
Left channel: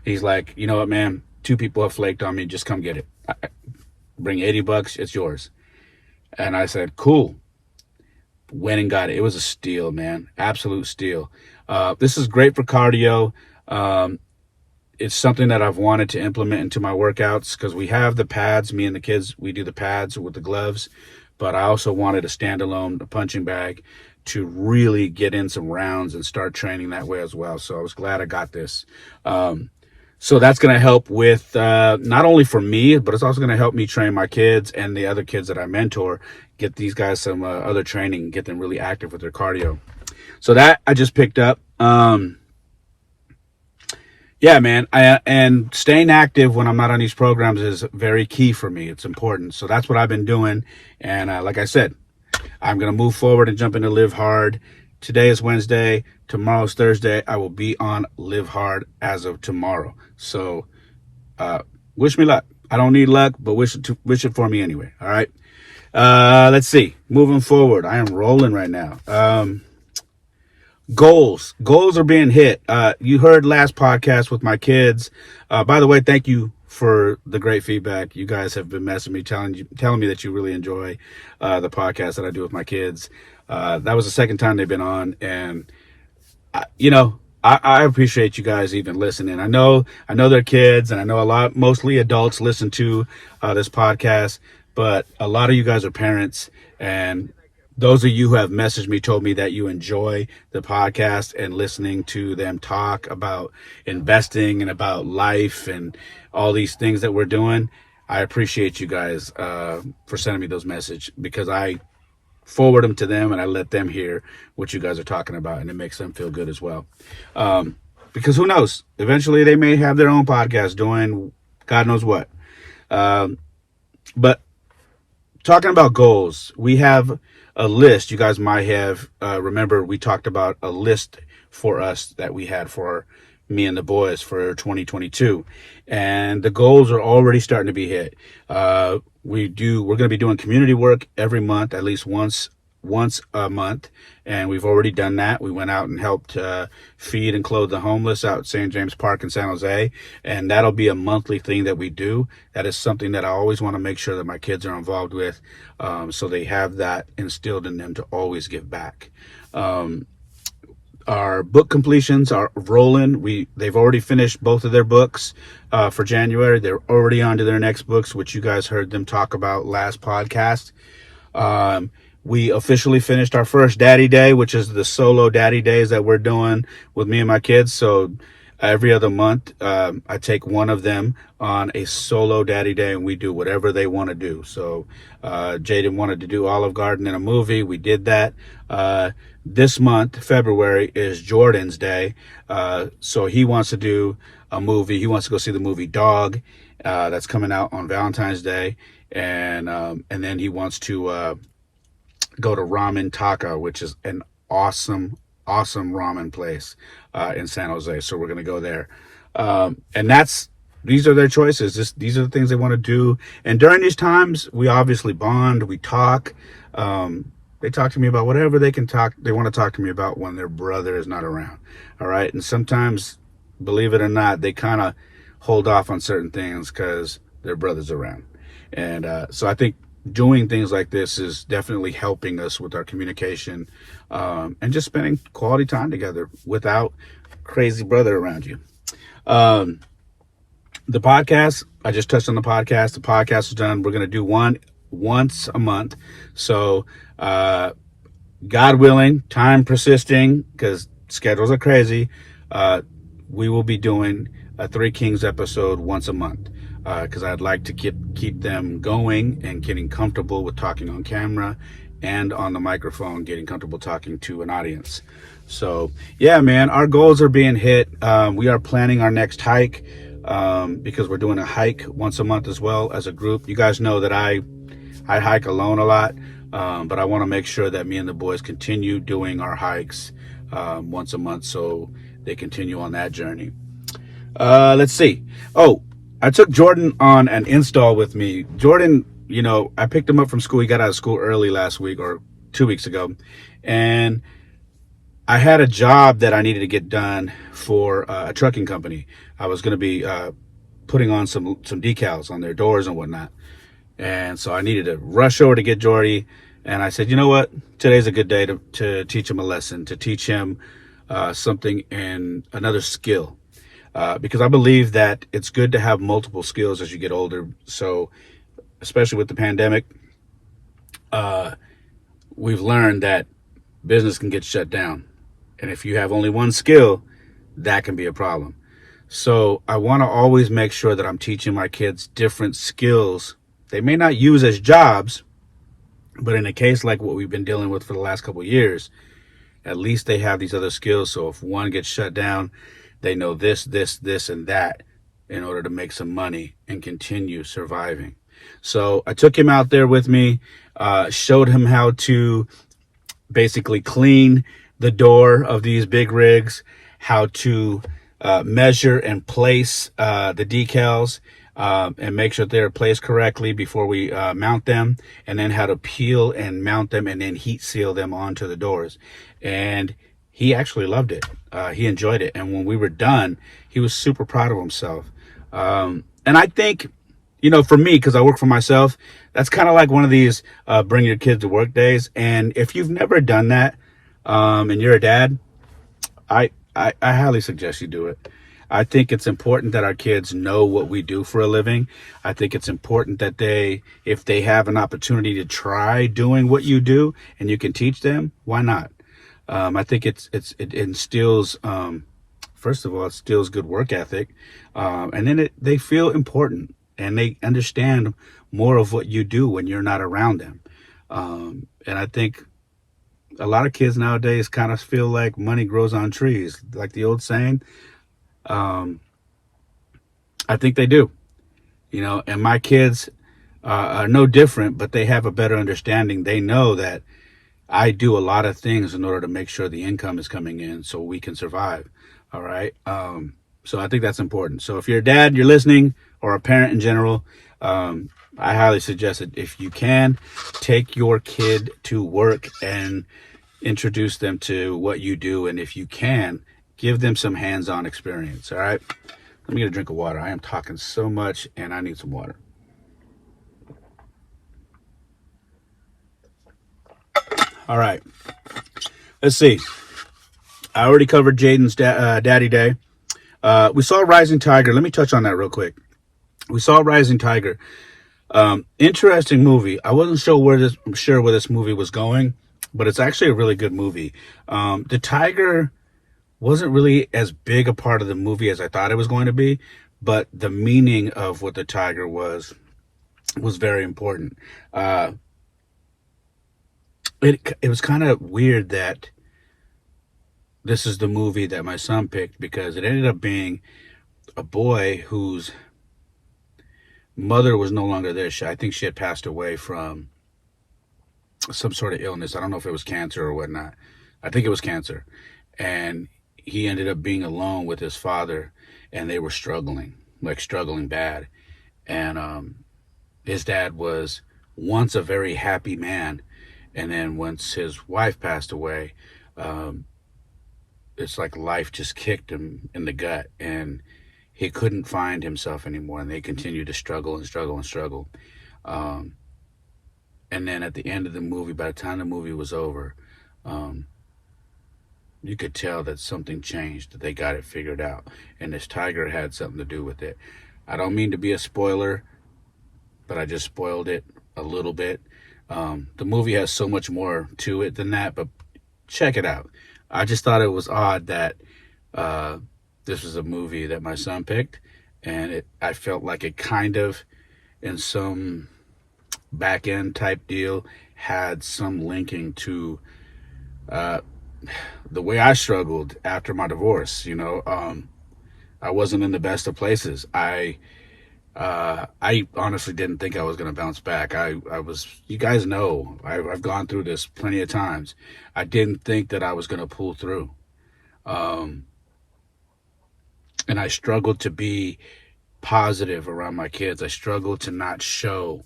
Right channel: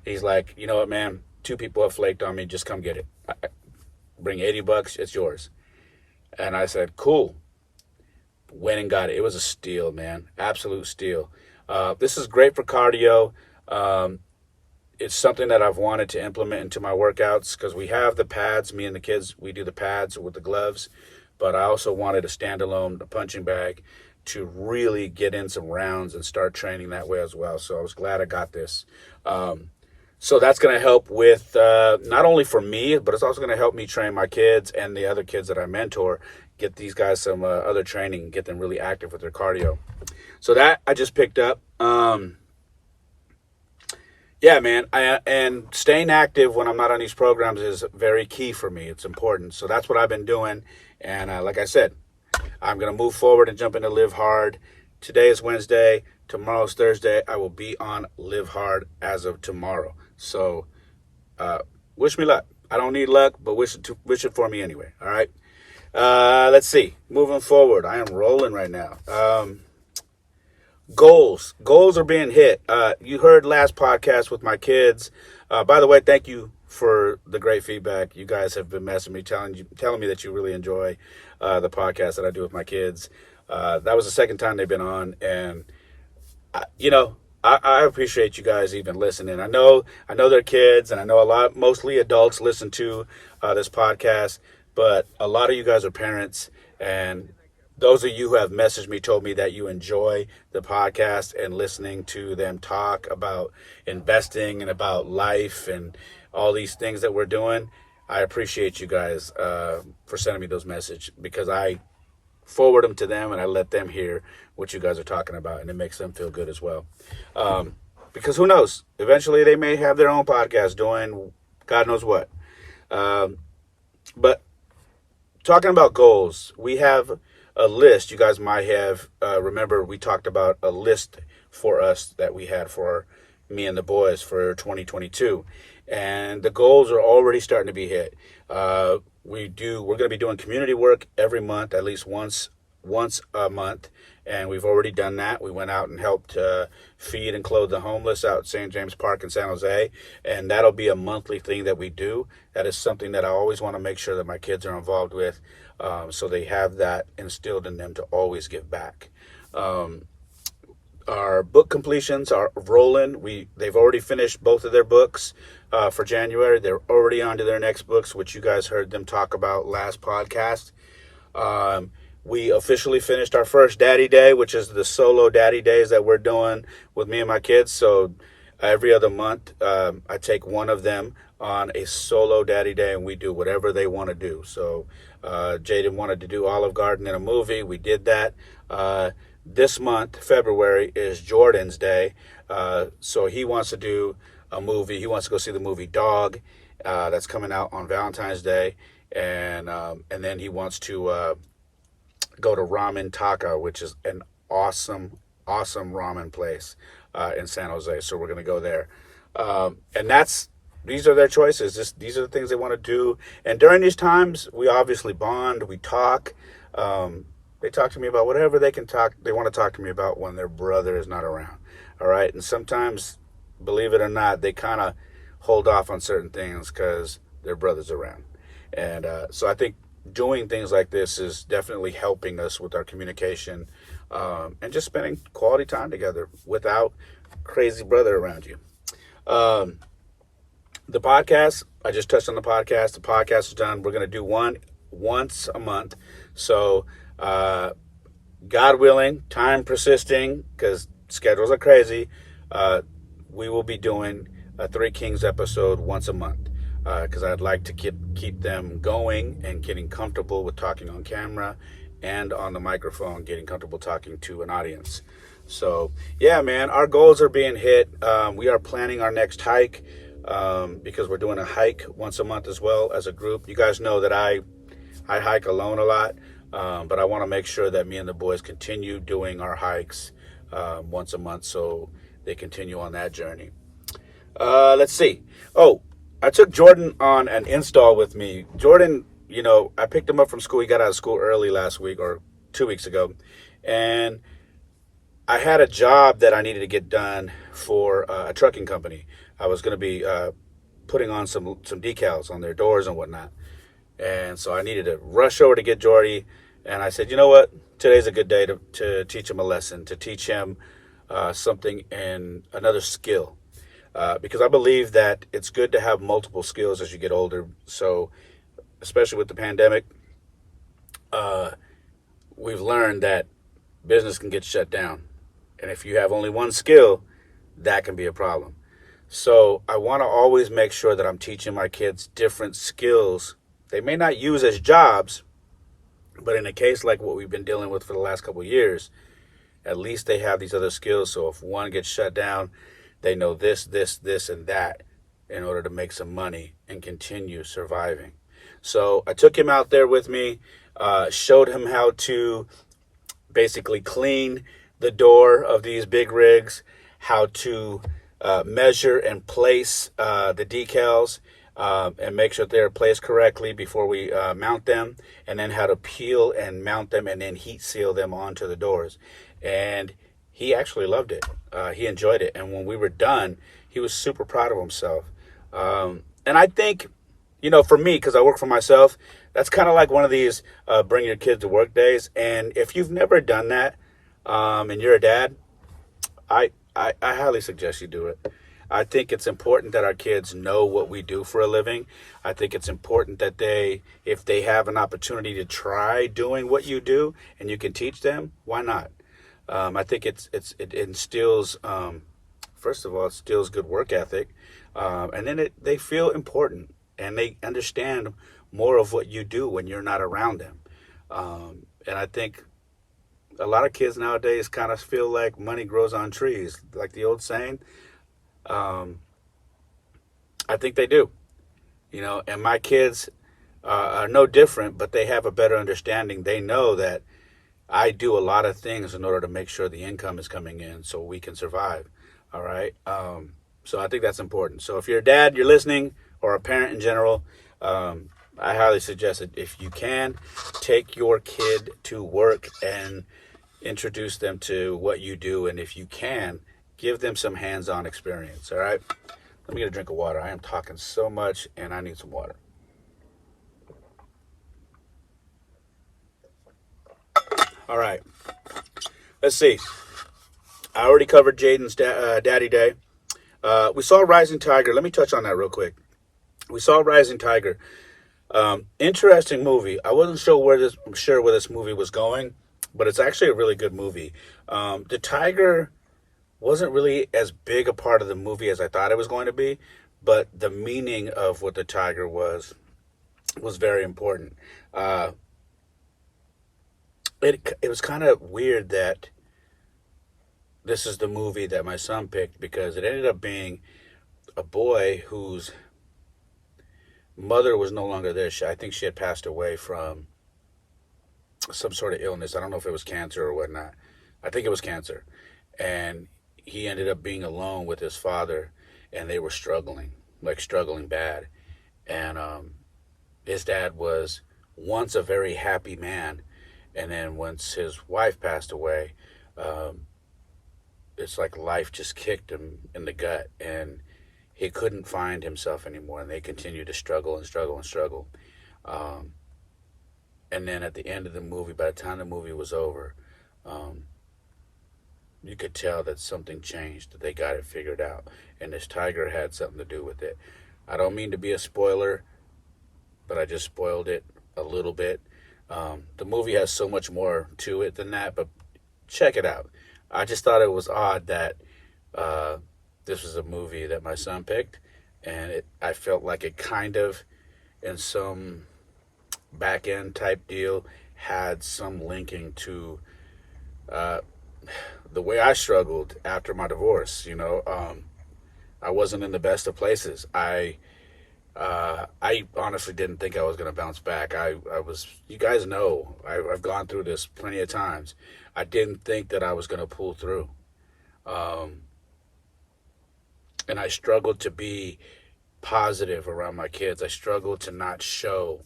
He's like, you know what, man? 2 people have flaked on me. Just come get it. Bring $80. It's yours. And I said, cool. Went and got it. It was a steal, man. Absolute steal. This is great for cardio. It's something that I've wanted to implement into my workouts because we have the pads. Me and the kids, we do the pads with the gloves. But I also wanted a standalone punching bag to really get in some rounds and start training that way as well. So I was glad I got this. So that's going to help with not only for me, but it's also going to help me train my kids and the other kids that I mentor, get these guys some other training, get them really active with their cardio. So that I just picked up. Yeah, man. And staying active when I'm not on these programs is very key for me. It's important. So that's what I've been doing. And like I said, I'm going to move forward and jump into Live Hard. Today is Wednesday. Tomorrow's Thursday. I will be on Live Hard as of tomorrow. So wish me luck. I don't need luck, but wish it for me anyway. All right. Let's see. Moving forward. I am rolling right now. Goals are being hit. You heard last podcast with my kids. By the way, thank you for the great feedback. You guys have been messaging me, telling me that you really enjoy the podcast that I do with my kids. That was the second time they've been on, and I appreciate you guys even listening. I know they're kids, and I know mostly adults listen to this podcast, but a lot of you guys are parents, and those of you who have messaged me told me that you enjoy the podcast and listening to them talk about investing and about life and all these things that we're doing. I appreciate you guys for sending me those messages, because I forward them to them and I let them hear what you guys are talking about, and it makes them feel good as well. Because who knows? Eventually they may have their own podcast doing God knows what. But talking about goals, we have a list. You guys might have remember we talked about a list for us that we had for me and the boys for 2022, and the goals are already starting to be hit. We're going to be doing community work every month, at least once once a month, and we've already done that. We went out and helped feed and clothe the homeless out at St. James Park in San Jose, and that'll be a monthly thing that we do. That is something that I always want to make sure that my kids are involved with, so they have that instilled in them to always give back. Our book completions are rolling. They've already finished both of their books for January. They're already on to their next books, which you guys heard them talk about last podcast. We officially finished our first Daddy Day, which is the solo Daddy Days that we're doing with me and my kids. So every other month, I take one of them on a solo Daddy Day, and we do whatever they want to do. So Jaden wanted to do Olive Garden in a movie. We did that. This month, February, is Jordan's Day. So he wants to do a movie. He wants to go see the movie Dog that's coming out on Valentine's Day. And then he wants to go to Ramen Taka, which is an awesome ramen place in San Jose. So we're going to go there. And these are their choices. These are the things they want to do. And during these times, we obviously bond, we talk. They talk to me about whatever they want to talk to me about when their brother is not around. All right. And sometimes, believe it or not, they kind of hold off on certain things because their brother's around. And so I think doing things like this is definitely helping us with our communication and just spending quality time together without crazy brother around you. The podcast, I just touched on the podcast. The podcast is done. We're going to do one once a month. So God willing, time persisting, because schedules are crazy, we will be doing a Three Kings episode once a month. Because I'd like to keep them going and getting comfortable with talking on camera and on the microphone, getting comfortable talking to an audience. So, yeah, man, our goals are being hit. We are planning our next hike because we're doing a hike once a month as well as a group. You guys know that I hike alone a lot, but I want to make sure that me and the boys continue doing our hikes once a month so they continue on that journey. Let's see. Oh, I took Jordan on an install with me. Jordan, I picked him up from school. He got out of school early last week or 2 weeks ago. And I had a job that I needed to get done for a trucking company. I was going to be putting on some decals on their doors and whatnot. And so I needed to rush over to get Jordy. And I said, you know what? Today's a good day to teach him a lesson, to teach him something and another skill. Because I believe that it's good to have multiple skills as you get older. So, especially with the pandemic, we've learned that business can get shut down. And if you have only one skill, that can be a problem. So I want to always make sure that I'm teaching my kids different skills they may not use as jobs, but in a case like what we've been dealing with for the last couple of years, at least they have these other skills. So if one gets shut down, they know this, and that in order to make some money and continue surviving. So I took him out there with me, showed him how to basically clean the door of these big rigs, how to measure and place the decals and make sure they're placed correctly before we mount them, and then how to peel and mount them and then heat seal them onto the doors. And he actually loved it. He enjoyed it. And when we were done, he was super proud of himself. And I think, for me, because I work for myself, that's kind of like one of these bring your kids to work days. And if you've never done that and you're a dad, I highly suggest you do it. I think it's important that our kids know what we do for a living. I think it's important that if they have an opportunity to try doing what you do and you can teach them, why not? I think it instills, first of all, it instills good work ethic. And then they feel important and they understand more of what you do when you're not around them. And I think a lot of kids nowadays kind of feel like money grows on trees, like the old saying. I think they do, and my kids are no different, but they have a better understanding. They know that I do a lot of things in order to make sure the income is coming in so we can survive. All right. So I think that's important. So if you're a dad, you're listening, or a parent in general, I I highly suggest it. If you can, take your kid to work and introduce them to what you do. And if you can, give them some hands-on experience. All right. Let me get a drink of water. I am talking so much and I need some water. All right. Let's see. I already covered Jaden's Daddy Day. We saw Rising Tiger. Let me touch on that real quick. We saw Rising Tiger. Interesting movie. I wasn't sure where this movie was going, but it's actually a really good movie. The tiger wasn't really as big a part of the movie as I thought it was going to be, but the meaning of what the tiger was very important. It was kind of weird that this is the movie that my son picked, because it ended up being a boy whose mother was no longer there. I think she had passed away from some sort of illness. I don't know if it was cancer or whatnot. I think it was cancer. And he ended up being alone with his father, and they were struggling bad. And his dad was once a very happy man, and then once his wife passed away, it's like life just kicked him in the gut, and he couldn't find himself anymore, and they continued to struggle and struggle and struggle. And then at the end of the movie, by the time the movie was over, you could tell that something changed, that they got it figured out, and this tiger had something to do with it. I don't mean to be a spoiler, but I just spoiled it a little bit. The movie has so much more to it than that, but check it out. I just thought it was odd that this was a movie that my son picked, and I felt like it kind of, in some back end type deal, had some linking to the way I struggled after my divorce. I wasn't in the best of places. I honestly didn't think I was going to bounce back. I was, you guys know, I've gone through this plenty of times. I didn't think that I was going to pull through. And I struggled to be positive around my kids. I struggled to not show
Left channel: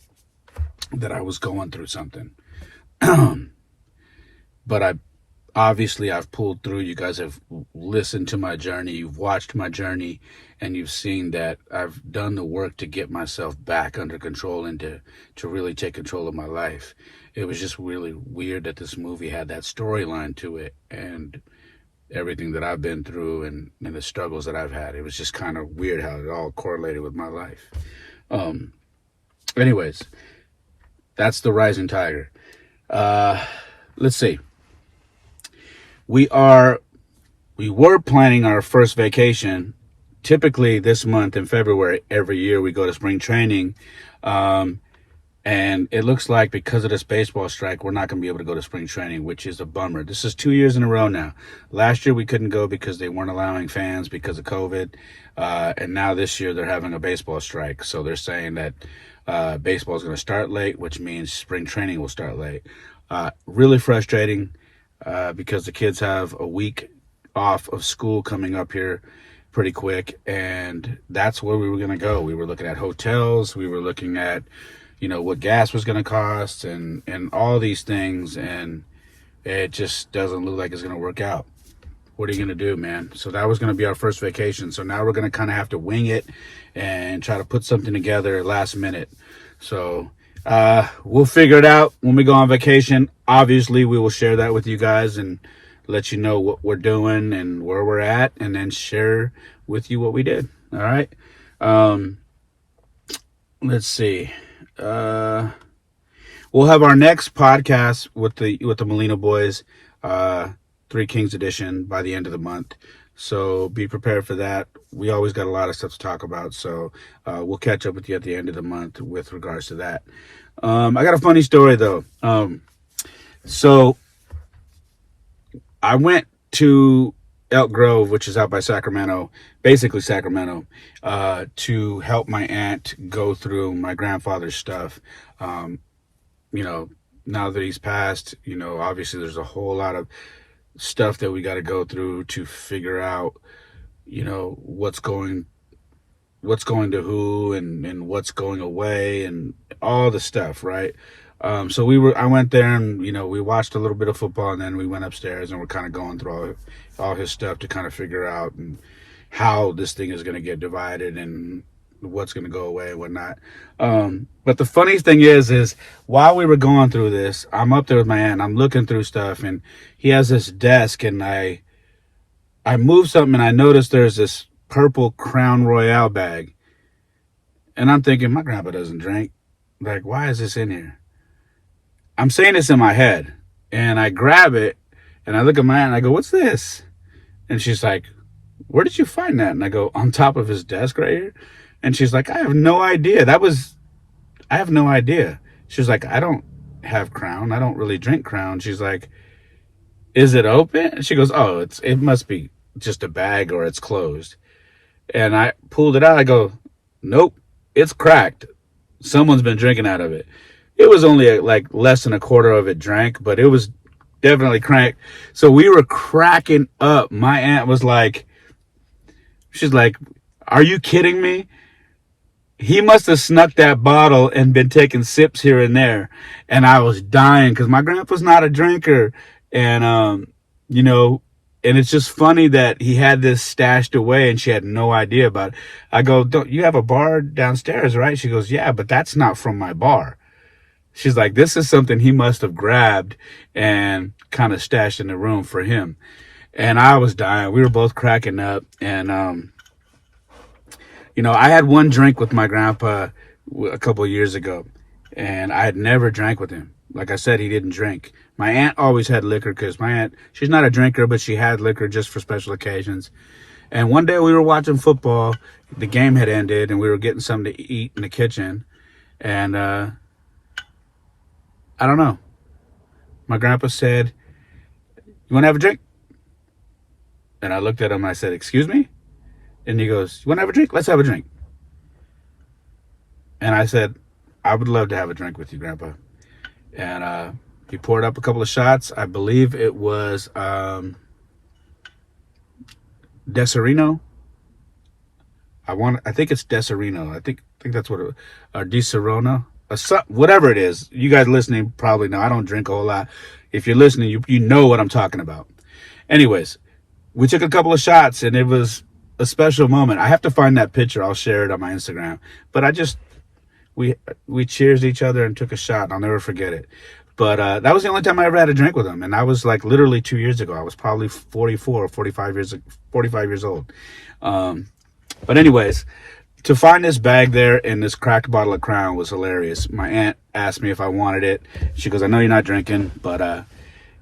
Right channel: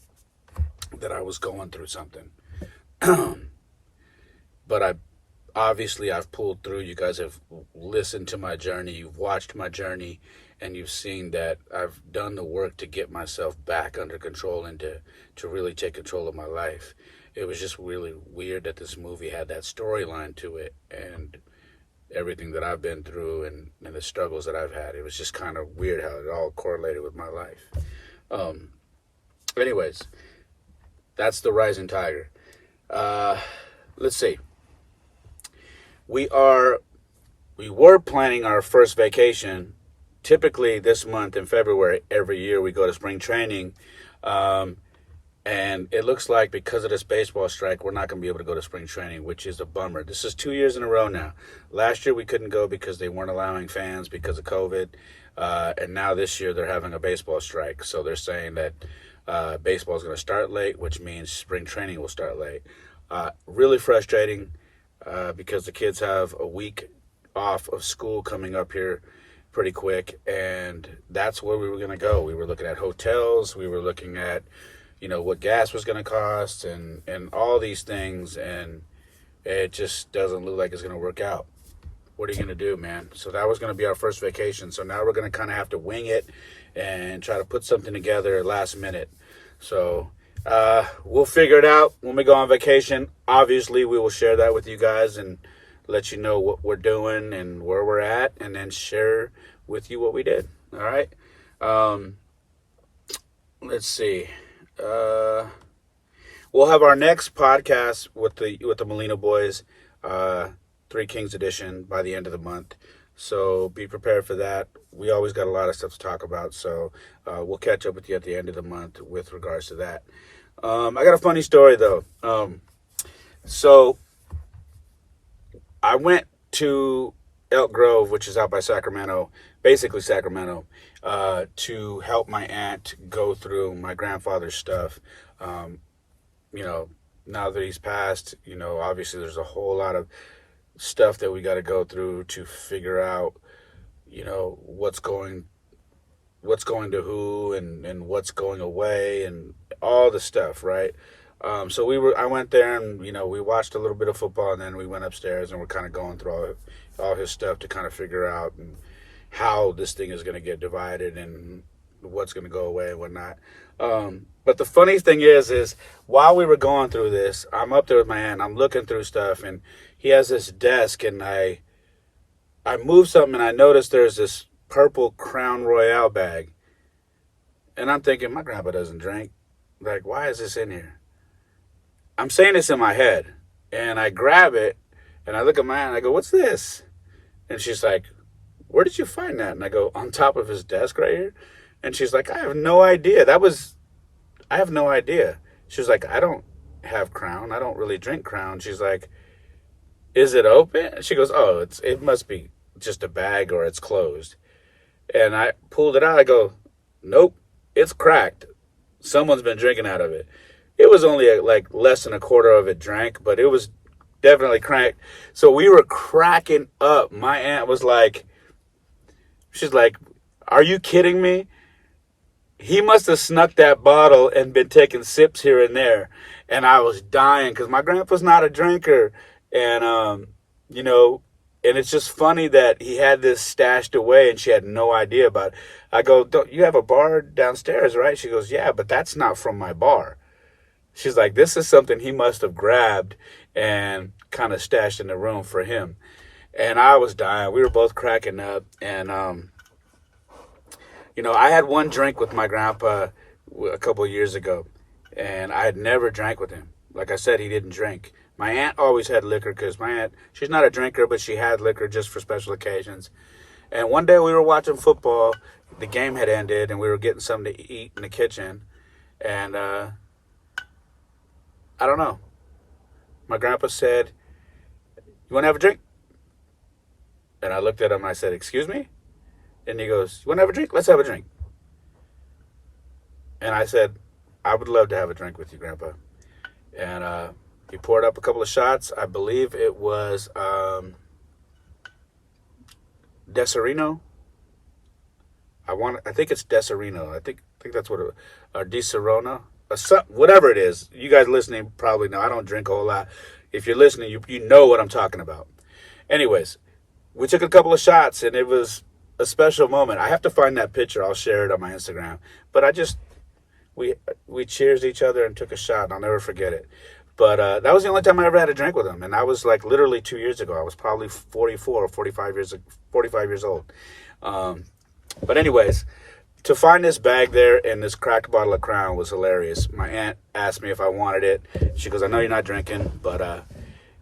that I was going through something. But I've pulled through. You guys have listened to my journey. You've watched my journey, and you've seen that I've done the work to get myself back under control and to really take control of my life. It was just really weird that this movie had that storyline to it, and everything that I've been through and the struggles that I've had. It was just kind of weird how it all correlated with my life. Anyways, that's the Rising Tiger. Let's see. We were planning our first vacation. Typically this month in February, every year we go to spring training. And it looks like because of this baseball strike, we're not going to be able to go to spring training, which is a bummer. This is 2 years in a row now. Last year we couldn't go because they weren't allowing fans because of COVID. And now this year they're having a baseball strike. So they're saying that baseball is going to start late, which means spring training will start late. Really frustrating because the kids have a week off of school coming up here pretty quick. And that's where we were going to go. We were looking at hotels. We were looking at what gas was going to cost and all these things, and it just doesn't look like it's going to work out. What are you going to do, man? So that was going to be our first vacation. So now we're going to kind of have to wing it and try to put something together last minute. So we'll figure it out when we go on vacation. Obviously, we will share that with you guys and let you know what we're doing and where we're at, and then share with you what we did. All right. Let's see. We'll have our next podcast with the Molina boys, Three Kings edition, by the end of the month. So be prepared for that. We always got a lot of stuff to talk about. So we'll catch up with you at the end of the month with regards to that. I got a funny story though. So I went to Elk Grove, which is out by Sacramento, basically Sacramento, to help my aunt go through my grandfather's stuff. Now that he's passed, obviously there's a whole lot of stuff that we got to go through to figure out, what's going what's going to who and what's going away and all the stuff, right? So I went there and, we watched a little bit of football, and then we went upstairs and we're kind of going through all his stuff to kind of figure out and how this thing is going to get divided and what's going to go away and whatnot. But the funny thing is while we were going through this, I'm up there with my aunt, I'm looking through stuff, and he has this desk, and I moved something and I noticed there's this purple Crown Royale bag. And I'm thinking, my grandpa doesn't drink. Like, why is this in here? I'm saying this in my head. And I grab it and I look at my aunt and I go, what's this? And she's like, where did you find that? And I go, on top of his desk right here. And she's like, I have no idea. I have no idea. She's like, I don't have Crown. I don't really drink Crown. She's like, is it open? And she goes, oh, it must be just a bag or it's closed. And I pulled it out. I go, nope, it's cracked. Someone's been drinking out of it. It was only like less than a quarter of it drank, but it was definitely cracked. So we were cracking up. My aunt was like, she's like, are you kidding me? He must have snuck that bottle and been taking sips here and there. And I was dying because my grandpa's not a drinker. And, and it's just funny that he had this stashed away and she had no idea about it. I go, don't you have a bar downstairs, right? She goes, yeah, but that's not from my bar. She's like, this is something he must have grabbed and kind of stashed in the room for him. And I was dying. We were both cracking up. And, I had one drink with my grandpa a couple of years ago, and I had never drank with him. Like I said, he didn't drink. My aunt always had liquor because my aunt, she's not a drinker, but she had liquor just for special occasions. And one day we were watching football. The game had ended, and we were getting something to eat in the kitchen. And I don't know. My grandpa said, you want to have a drink? And I looked at him and I said, excuse me? And he goes, you want to have a drink? Let's have a drink. And I said, I would love to have a drink with you, Grandpa. And he poured up a couple of shots. I believe it was Deserino. I think it's Deserino. I think that's what it was. Or Di Serona. Whatever it is. You guys listening probably know. I don't drink a whole lot. If you're listening, you know what I'm talking about. Anyways, we took a couple of shots, and it was a special moment. I have to find that picture. I'll share it on my Instagram. But we cheersed each other and took a shot. I'll never forget it. But that was the only time I ever had a drink with him. And I was like literally 2 years ago. I was probably 44 or 45 years old. But anyways, to find this bag there and this cracked bottle of Crown was hilarious. My aunt asked me if I wanted it. She goes, I know you're not drinking, but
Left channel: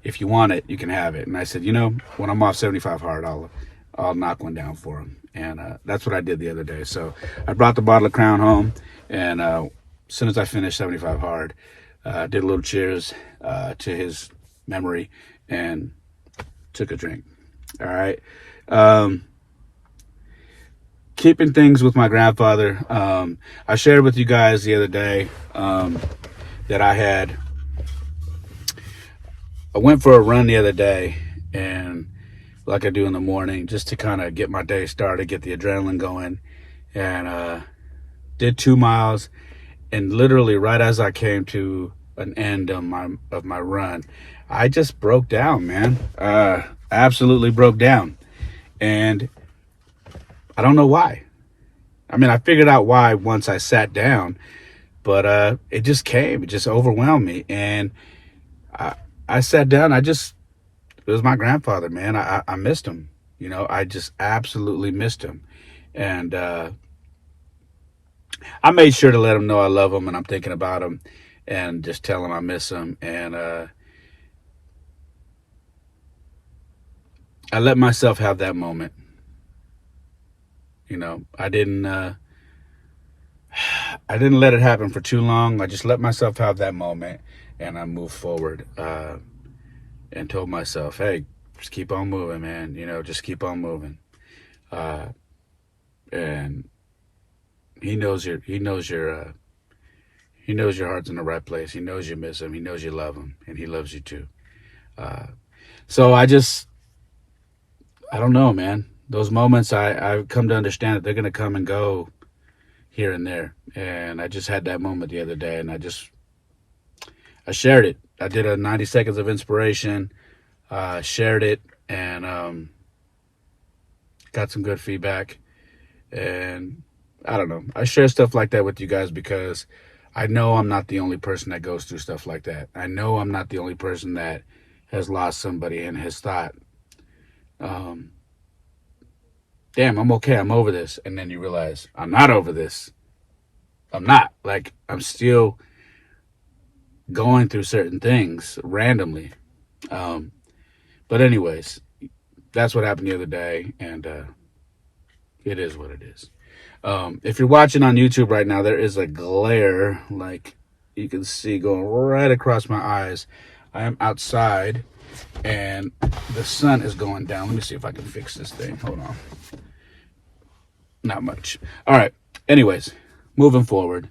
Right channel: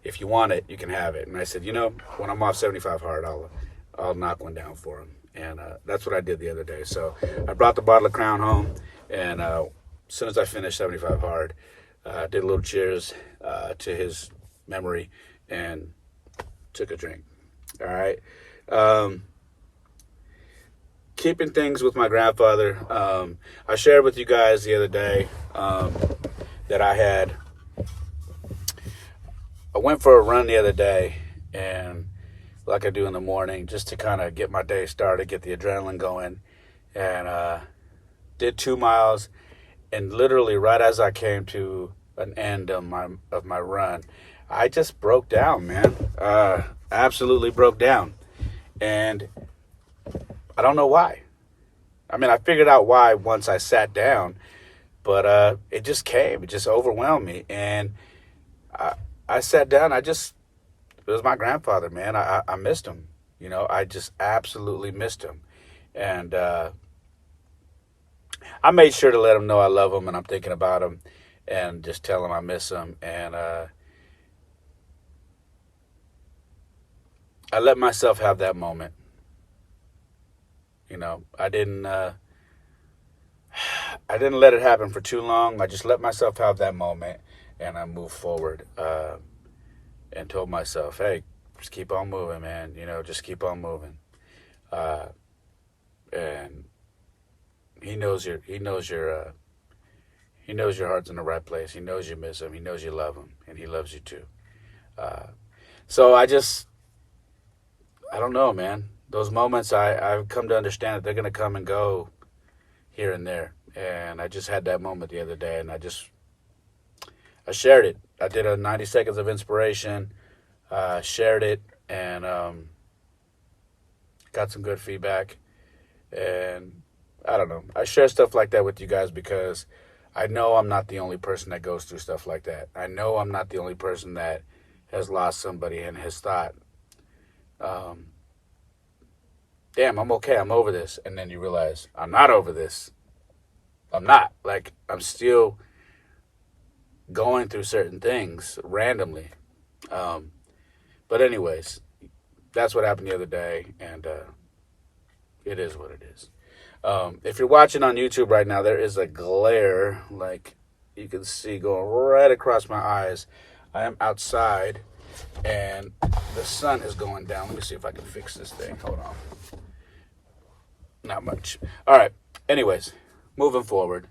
if you want it, you can have it. And I said, when I'm off 75 hard, I'll knock one down for him. And that's what I did the other day. So I brought the bottle of Crown home, and as soon as I finished 75 hard, did a little cheers to his memory and took a drink. All right. Keeping things with my grandfather. I shared with you guys the other day that I went for a run the other day, and like I do in the morning, just to kind of get my day started, get the adrenaline going, and did 2 miles. And literally right as I came to an end of my run, I just broke down, man. Absolutely broke down. And I don't know why. I mean, I figured out why once I sat down, but it just came. It just overwhelmed me. And I sat down. It was my grandfather, man. I missed him. I just absolutely missed him. And I made sure to let him know I love him and I'm thinking about him, and just tell him I miss him. And I let myself have that moment. I didn't let it happen for too long. I just let myself have that moment, and I moved forward and told myself, hey, just keep on moving, man. Just keep on moving. And he knows your heart's in the right place. He knows you miss him. He knows you love him, and he loves you too. So I don't know, man. Those moments, I've come to understand that they're going to come and go here and there. And I just had that moment the other day, and I shared it. I did a 90 seconds of inspiration, shared it, and got some good feedback. And I don't know. I share stuff like that with you guys because I know I'm not the only person that goes through stuff like that. I know I'm not the only person that has lost somebody and has thought, damn, I'm okay. I'm over this. And then you realize I'm not over this. I'm not. Like, I'm still going through certain things randomly. But anyways, that's what happened the other day. And it is what it is. If you're watching on YouTube right now, there is a glare, like you can see, going right across my eyes. I am outside, and the sun is going down. Let me see if I can fix this thing. Hold on. Not much. All right. Anyways, moving forward.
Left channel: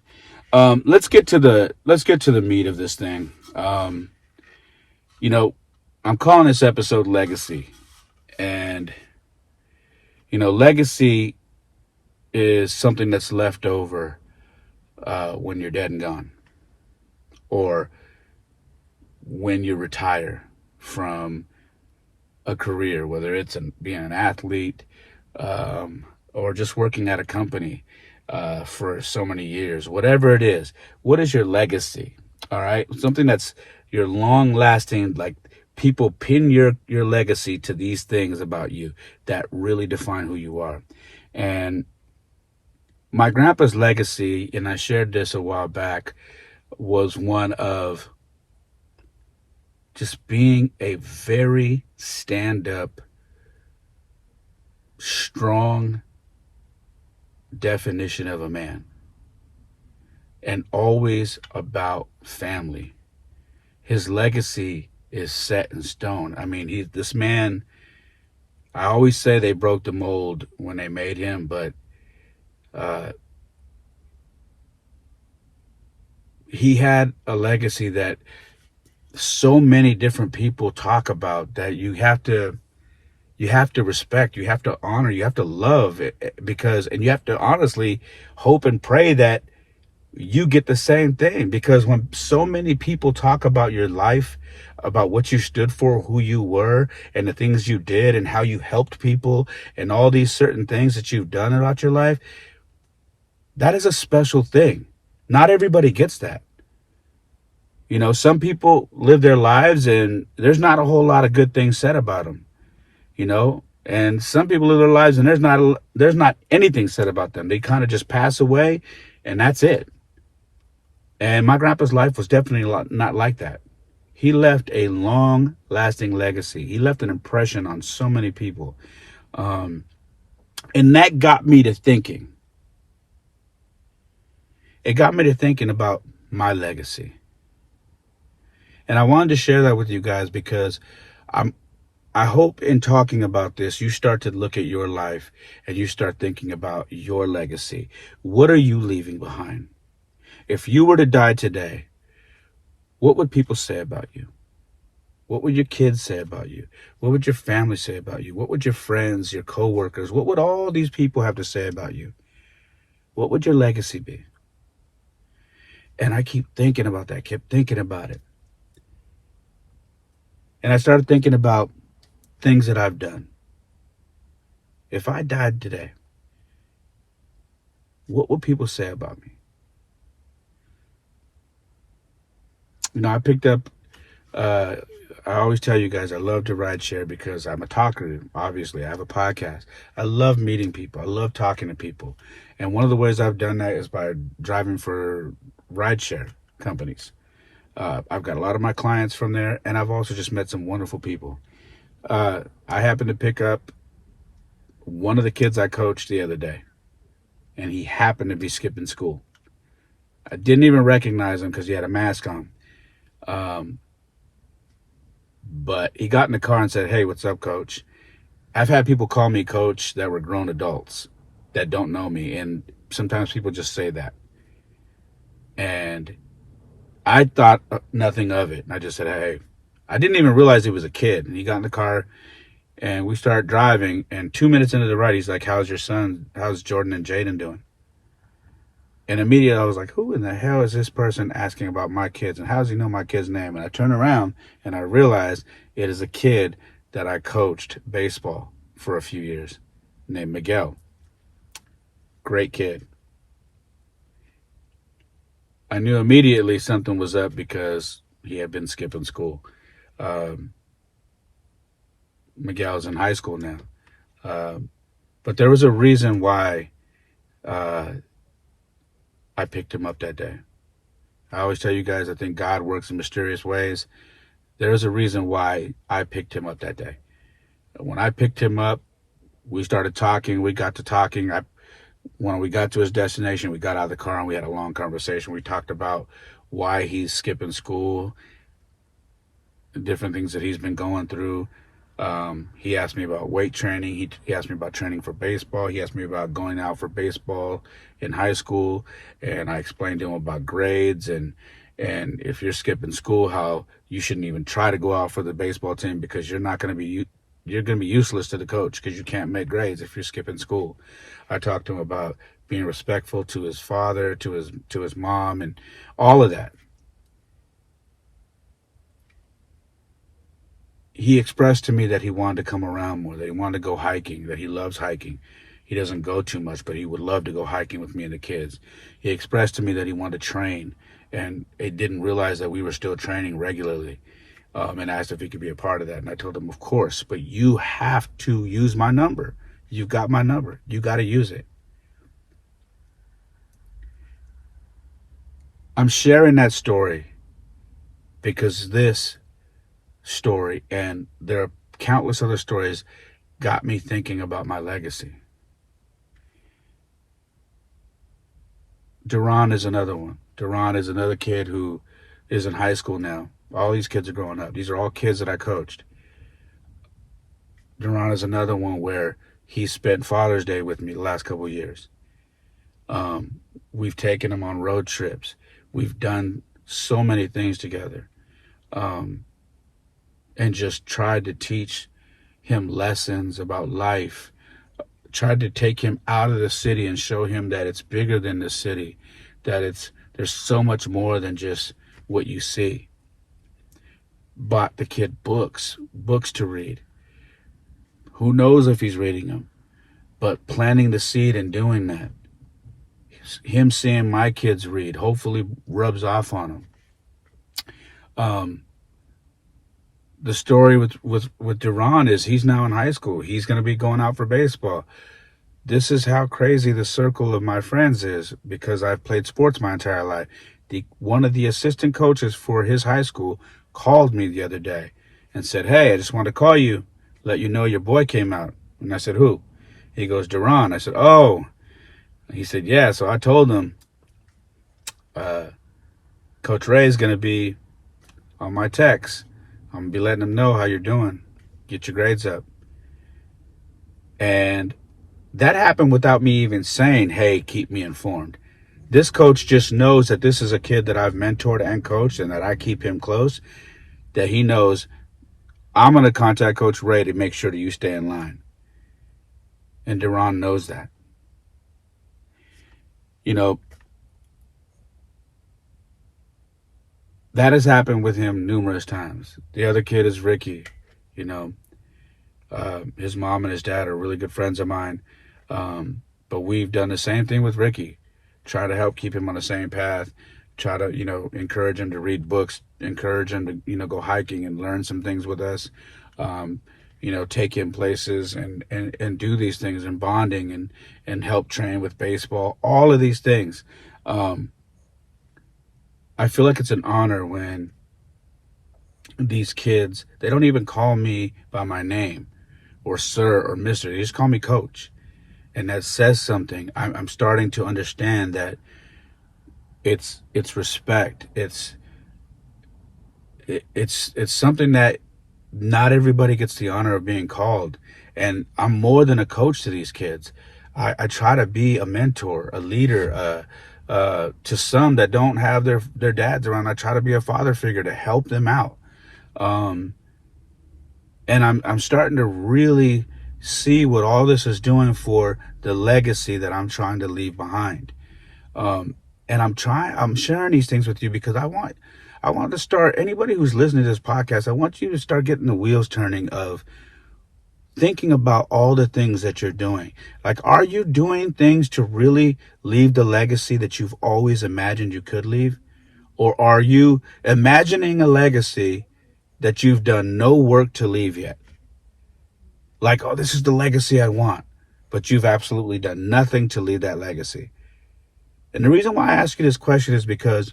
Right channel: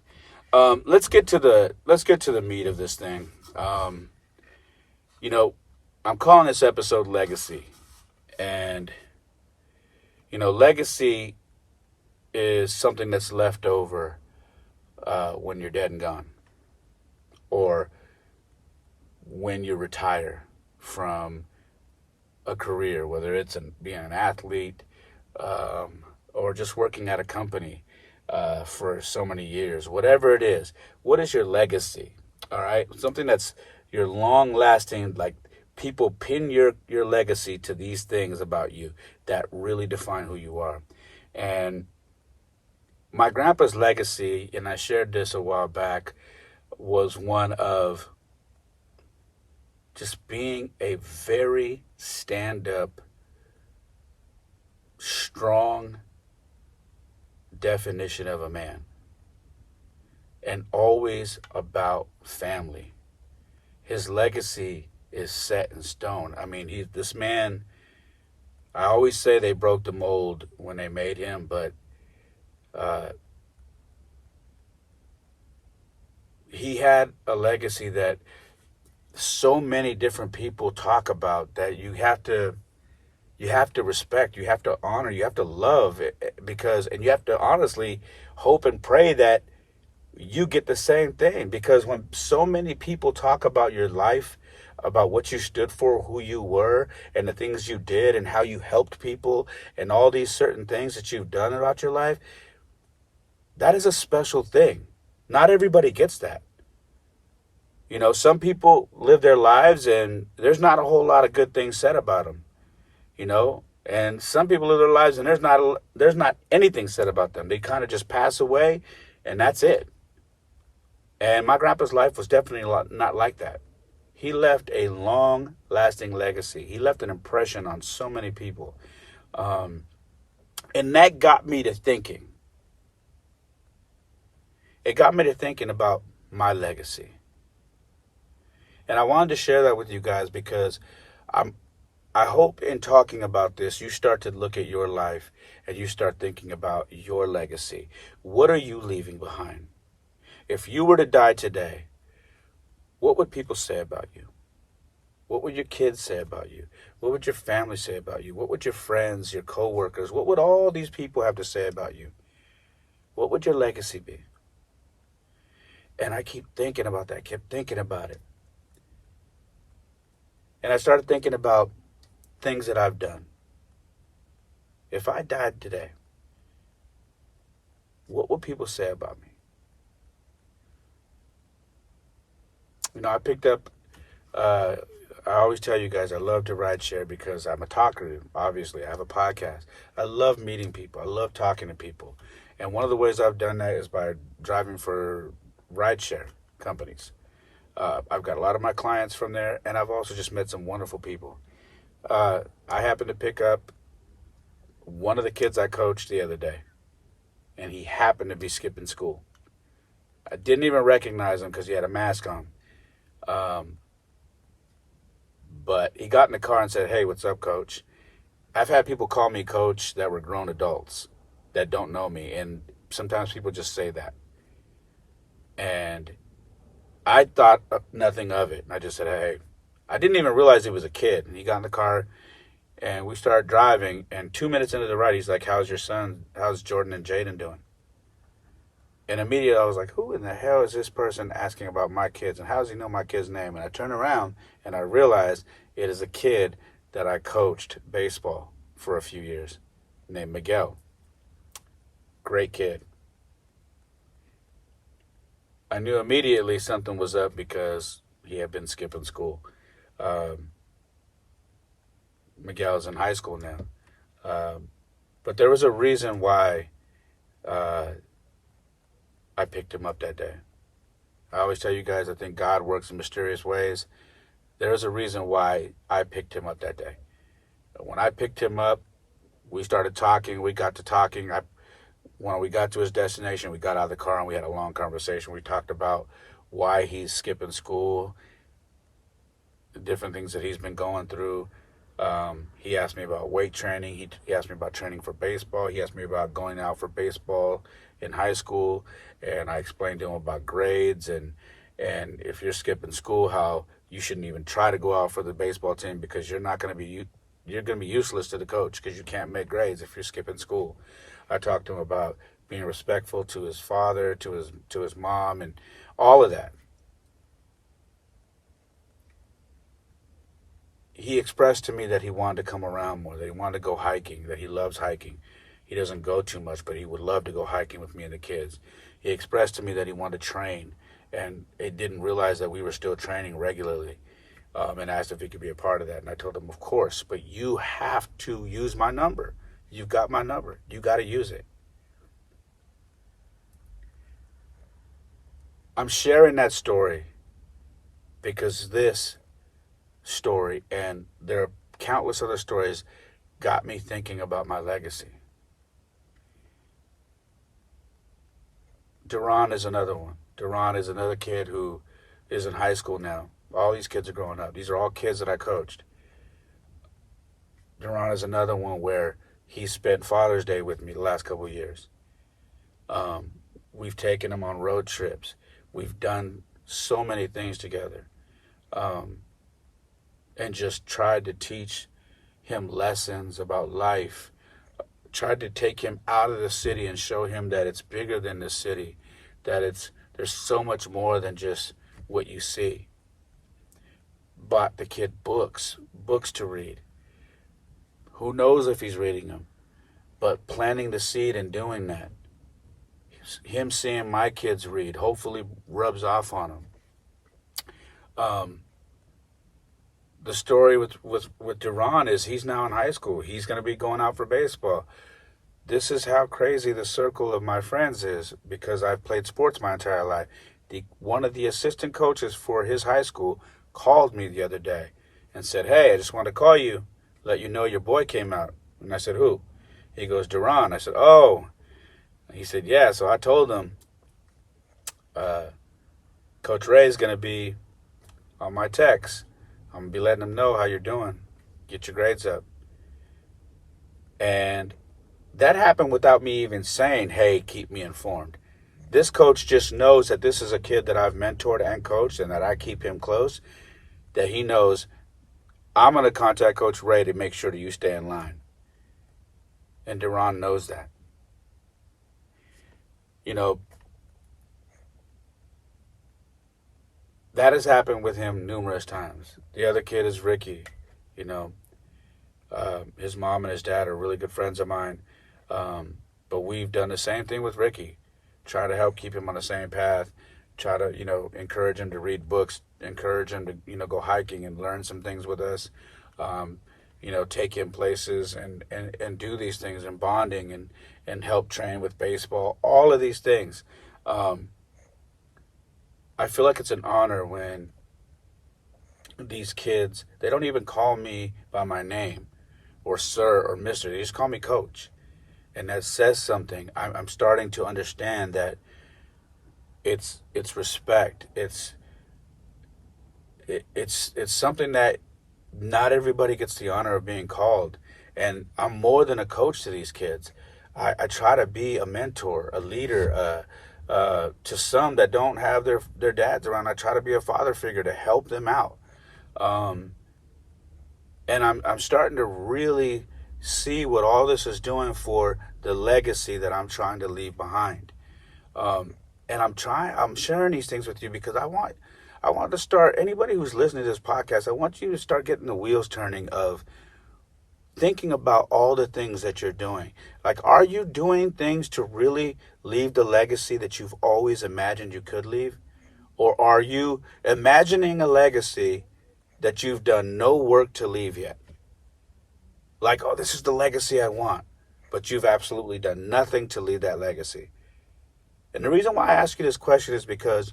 Let's get to the meat of this thing. You know, I'm calling this episode Legacy, and legacy is something that's left over when you're dead and gone, or when you retire from a career, whether it's being an athlete or just working at a company for so many years, whatever it is. What is your legacy? All right, something that's your long lasting, like people pin your legacy to these things about you that really define who you are. And my grandpa's legacy, and I shared this a while back, was one of just being a very stand-up, strong definition of a man, and always about family. His legacy is set in stone. I mean, this man, I always say they broke the mold when they made him, but he had a legacy that so many different people talk about, that you have to respect, you have to honor, you have to love it, and you have to honestly hope and pray that you get the same thing. Because when so many people talk about your life, about what you stood for, who you were, and the things you did, and how you helped people, and all these certain things that you've done about your life, that is a special thing. Not everybody gets that. Some people live their lives and there's not a whole lot of good things said about them, and some people live their lives and there's not anything said about them. They kind of just pass away, and that's it. And my grandpa's life was definitely not like that. He left a long lasting legacy. He left an impression on so many people. And that got me to thinking. It got me to thinking about my legacy. And I wanted to share that with you guys because I hope in talking about this, you start to look at your life and you start thinking about your legacy. What are you leaving behind? If you were to die today, what would people say about you? What would your kids say about you? What would your family say about you? What would your friends, your coworkers, what would all these people have to say about you? What would your legacy be? And I kept thinking about it. And I started thinking about things that I've done. If I died today, what would people say about me? I picked up, I always tell you guys, I love to ride share because I'm a talker, obviously. I have a podcast. I love meeting people. I love talking to people. And one of the ways I've done that is by driving for ride share companies. I've got a lot of my clients from there, and I've also just met some wonderful people. I happened to pick up one of the kids I coached the other day, and he happened to be skipping school. I didn't even recognize him because he had a mask on. But he got in the car and said, "Hey, what's up, coach?" I've had people call me coach that were grown adults that don't know me, and sometimes people just say that. And I thought nothing of it. And I just said, "Hey," I didn't even realize he was a kid. And he got in the car and we started driving. And 2 minutes into the ride, he's like, "How's your son? How's Jordan and Jaden doing?" And immediately I was like, who in the hell is this person asking about my kids? And how does he know my kid's name? And I turned around and I realized it is a kid that I coached baseball for a few years named Miguel. Great kid. I knew immediately something was up because he had been skipping school. Miguel's in high school now. But there was a reason why I picked him up that day. I always tell you guys, I think God works in mysterious ways. There's a reason why I picked him up that day. When I picked him up, we started talking. We got to talking. When we got to his destination, we got out of the car and we had a long conversation. We talked about why he's skipping school, the different things that he's been going through. He asked me about weight training. He asked me about training for baseball. He asked me about going out for baseball in high school. And I explained to him about grades and if you're skipping school, how you shouldn't even try to go out for the baseball team because you're going to be useless to the coach because you can't make grades if you're skipping school. I talked to him about being respectful to his father, to his mom, and all of that. He expressed to me that he wanted to come around more, that he wanted to go hiking, that he loves hiking. He doesn't go too much, but he would love to go hiking with me and the kids. He expressed to me that he wanted to train, and he didn't realize that we were still training regularly, and asked if he could be a part of that. And I told him, of course, but you have to use my number. You've got my number. You got to use it. I'm sharing that story because this story, and there are countless other stories, got me thinking about my legacy. Duran is another one. Duran is another kid who is in high school now. All these kids are growing up. These are all kids that I coached. Duran is another one where he spent Father's Day with me the last couple of years. We've taken him on road trips. We've done so many things together. And just tried to teach him lessons about life. Tried to take him out of the city and show him that it's bigger than the city, that there's so much more than just what you see. Bought the kid books to read. Who knows if he's reading them, but planting the seed and doing that. Him seeing my kids read hopefully rubs off on him. The story with Duran is he's now in high school. He's going to be going out for baseball. This is how crazy the circle of my friends is because I've played sports my entire life. One of the assistant coaches for his high school called me the other day and said, hey, I just wanted to call you, let you know your boy came out. And I said, who? He goes, Duran. I said, oh. He said, yeah. So I told him, Coach Ray is going to be on my text. I'm going to be letting him know how you're doing. Get your grades up. And that happened without me even saying, hey, keep me informed. This coach just knows that this is a kid that I've mentored and coached and that I keep him close, that he knows I'm going to contact Coach Ray to make sure that you stay in line. And Duran knows that. You know, that has happened with him numerous times. The other kid is Ricky. You know, his mom and his dad are really good friends of mine. But we've done the same thing with Ricky. Try to help keep him on the same path. Try to, encourage him to read books. Encourage him to, go hiking and learn some things with us. Take him places and do these things and bonding and help train with baseball. All of these things. I feel like it's an honor when these kids, they don't even call me by my name or sir or mister. They just call me coach. And that says something. I'm starting to understand that it's respect. It's something that not everybody gets the honor of being called. And I'm more than a coach to these kids. I try to be a mentor, a leader, to some that don't have their dads around. I try to be a father figure to help them out. And I'm starting to really see what all this is doing for the legacy that I'm trying to leave behind. And I'm sharing these things with you because I want to start, anybody who's listening to this podcast, I want you to start getting the wheels turning of thinking about all the things that you're doing. Like, are you doing things to really leave the legacy that you've always imagined you could leave? Or are you imagining a legacy that you've done no work to leave yet? Like, oh, this is the legacy I want, but you've absolutely done nothing to leave that legacy. And the reason why I ask you this question is because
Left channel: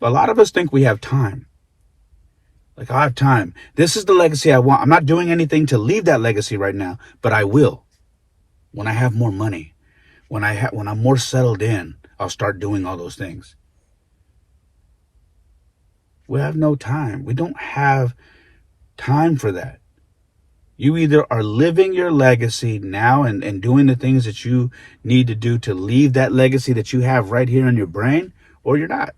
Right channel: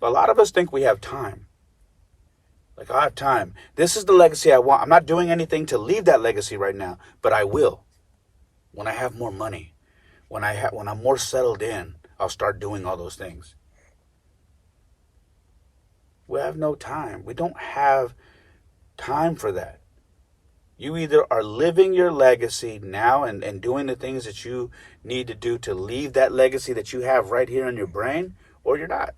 a lot of us think we have time. Like, I have time. This is the legacy I want. I'm not doing anything to leave that legacy right now, but I will. When I have more money, when I'm more settled in, I'll start doing all those things. We have no time. We don't have time for that. You either are living your legacy now and doing the things that you need to do to leave that legacy that you have right here in your brain, or you're not.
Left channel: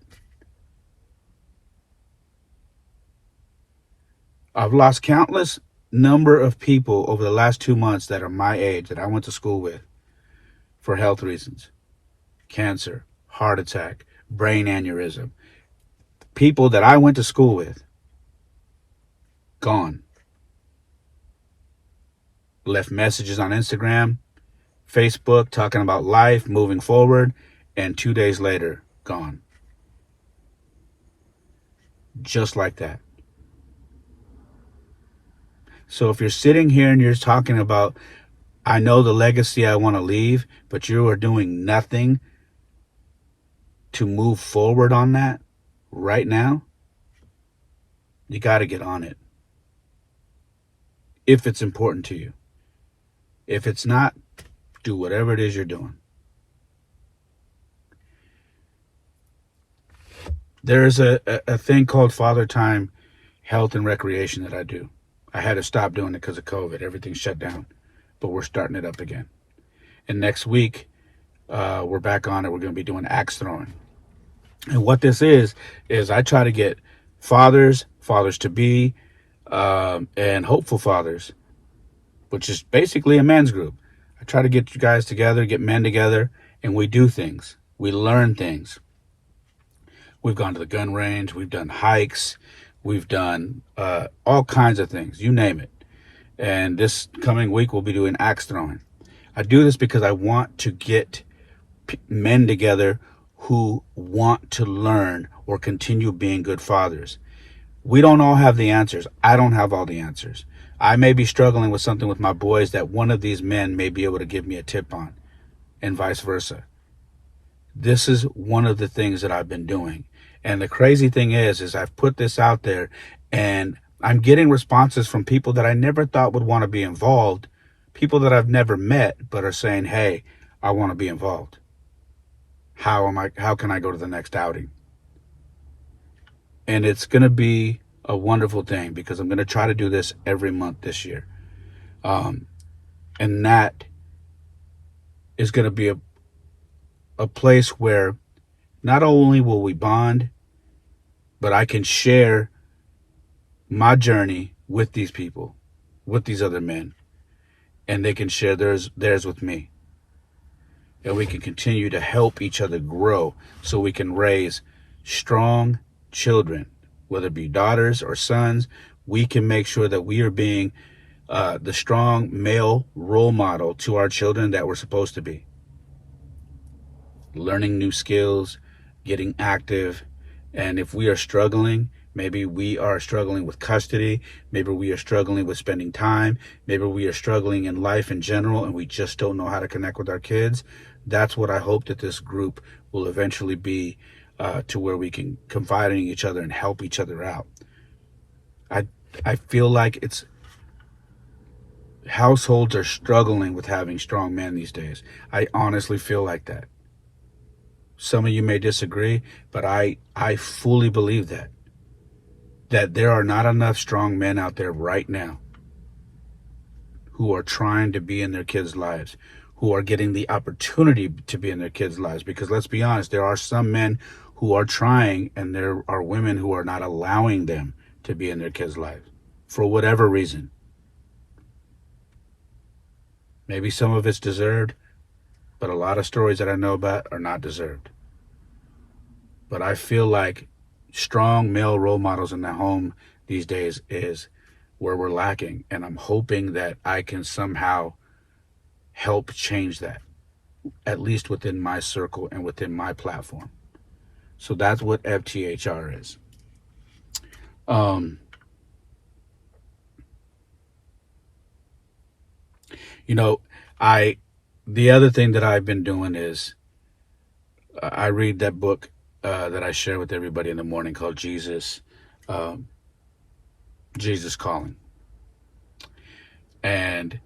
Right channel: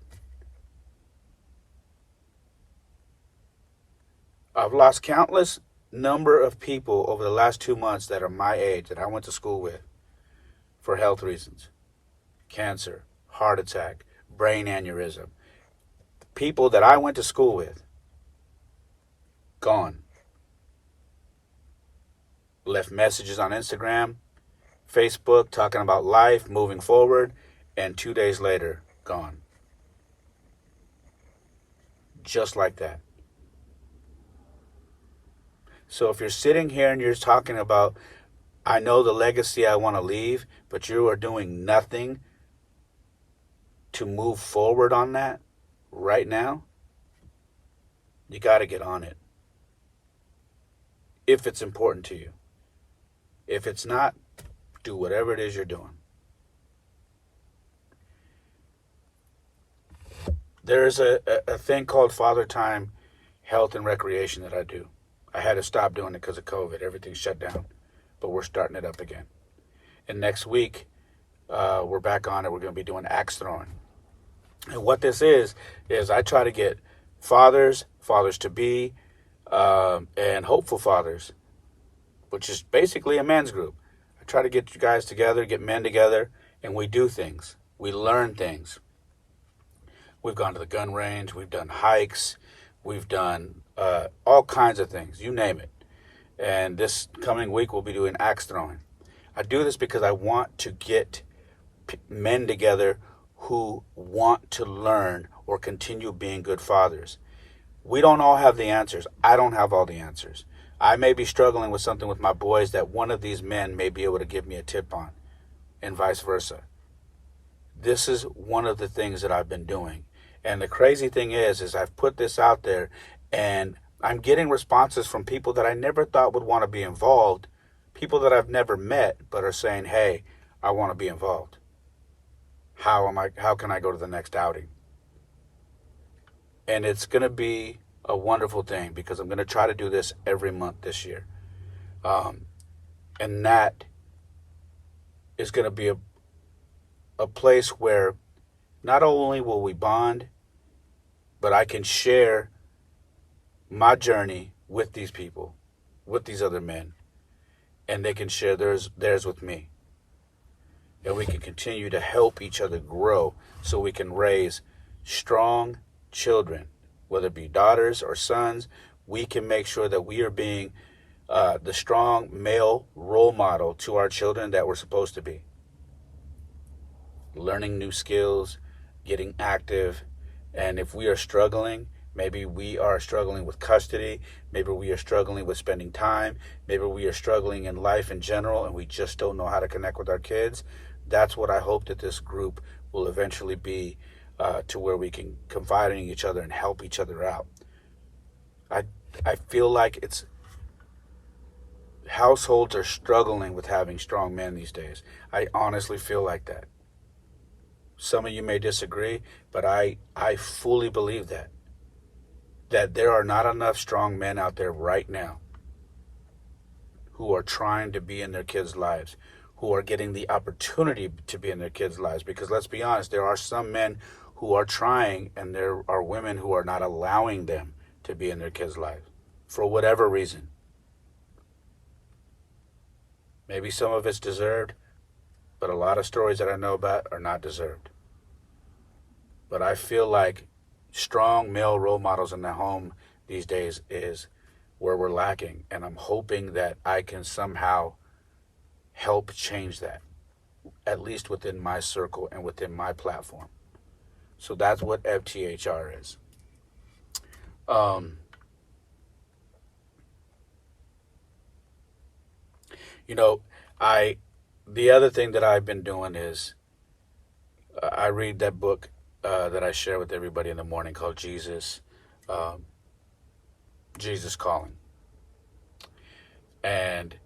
I've lost countless number of people over the last 2 months that are my age, that I went to school with, for health reasons. Cancer, heart attack, brain aneurysm. People that I went to school with, gone. Left messages on Instagram, Facebook, talking about life, moving forward, and 2 days later, gone. Just like that. So if you're sitting here and you're talking about, I know the legacy I want to leave, but you are doing nothing to move forward on that right now, you got to get on it. If it's important to you. If it's not, do whatever it is you're doing. There's a thing called Father Time Health and Recreation that I do. I had to stop doing it because of COVID. Everything's shut down, but we're starting it up again. And next week, we're back on it. We're going to be doing axe throwing. And what this is I try to get fathers to be, and hopeful fathers, which is basically a men's group. I try to get you guys together, get men together, and we do things. We learn things. We've gone to the gun range. We've done hikes. We've done all kinds of things, you name it. And this coming week, we'll be doing axe throwing. I do this because I want to get men together who want to learn or continue being good fathers. We don't all have the answers. I don't have all the answers. I may be struggling with something with my boys that one of these men may be able to give me a tip on, and vice versa. This is one of the things that I've been doing. And the crazy thing is I've put this out there and I'm getting responses from people that I never thought would want to be involved, people that I've never met, but are saying, hey, I want to be involved. How can I go to the next outing? And it's going to be a wonderful thing because I'm going to try to do this every month this year. And that is going to be a place where not only will we bond, but I can share my journey with these people, with these other men, and they can share theirs with me. And we can continue to help each other grow so we can raise strong children, whether it be daughters or sons. We can make sure that we are being the strong male role model to our children that we're supposed to be. Learning new skills, getting active, and if we are struggling, maybe we are struggling with custody, maybe we are struggling with spending time, maybe we are struggling in life in general and we just don't know how to connect with our kids. That's what I hope that this group will eventually be, to where we can confide in each other and help each other out. I feel like households are struggling with having strong men these days. I honestly feel like that. Some of you may disagree, but I fully believe that there are not enough strong men out there right now who are trying to be in their kids' lives, who are getting the opportunity to be in their kids' lives. Because let's be honest, there are some men who are trying, and there are women who are not allowing them to be in their kids' lives for whatever reason. Maybe some of it's deserved, but a lot of stories that I know about are not deserved. But I feel like strong male role models in the home these days is where we're lacking. And I'm hoping that I can somehow help change that, at least within my circle and within my platform. So that's what FTHR is. You know, the other thing that I've been doing is I read that book that I share with everybody in the morning called um, Jesus Calling. And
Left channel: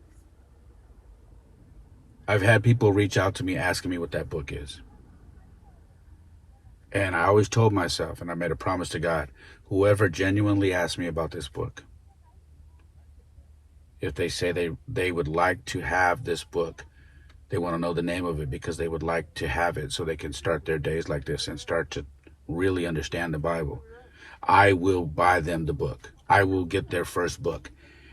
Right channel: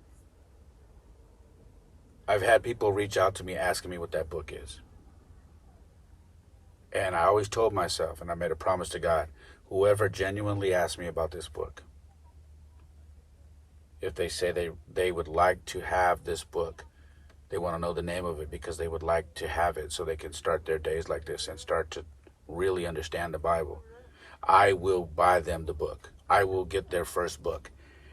I've had people reach out to me asking me what that book is. And I always told myself, and I made a promise to God, whoever genuinely asks me about this book, if they say they would like to have this book, they want to know the name of it because they would like to have it so they can start their days like this and start to really understand the Bible, I will buy them the book. I will get their first book.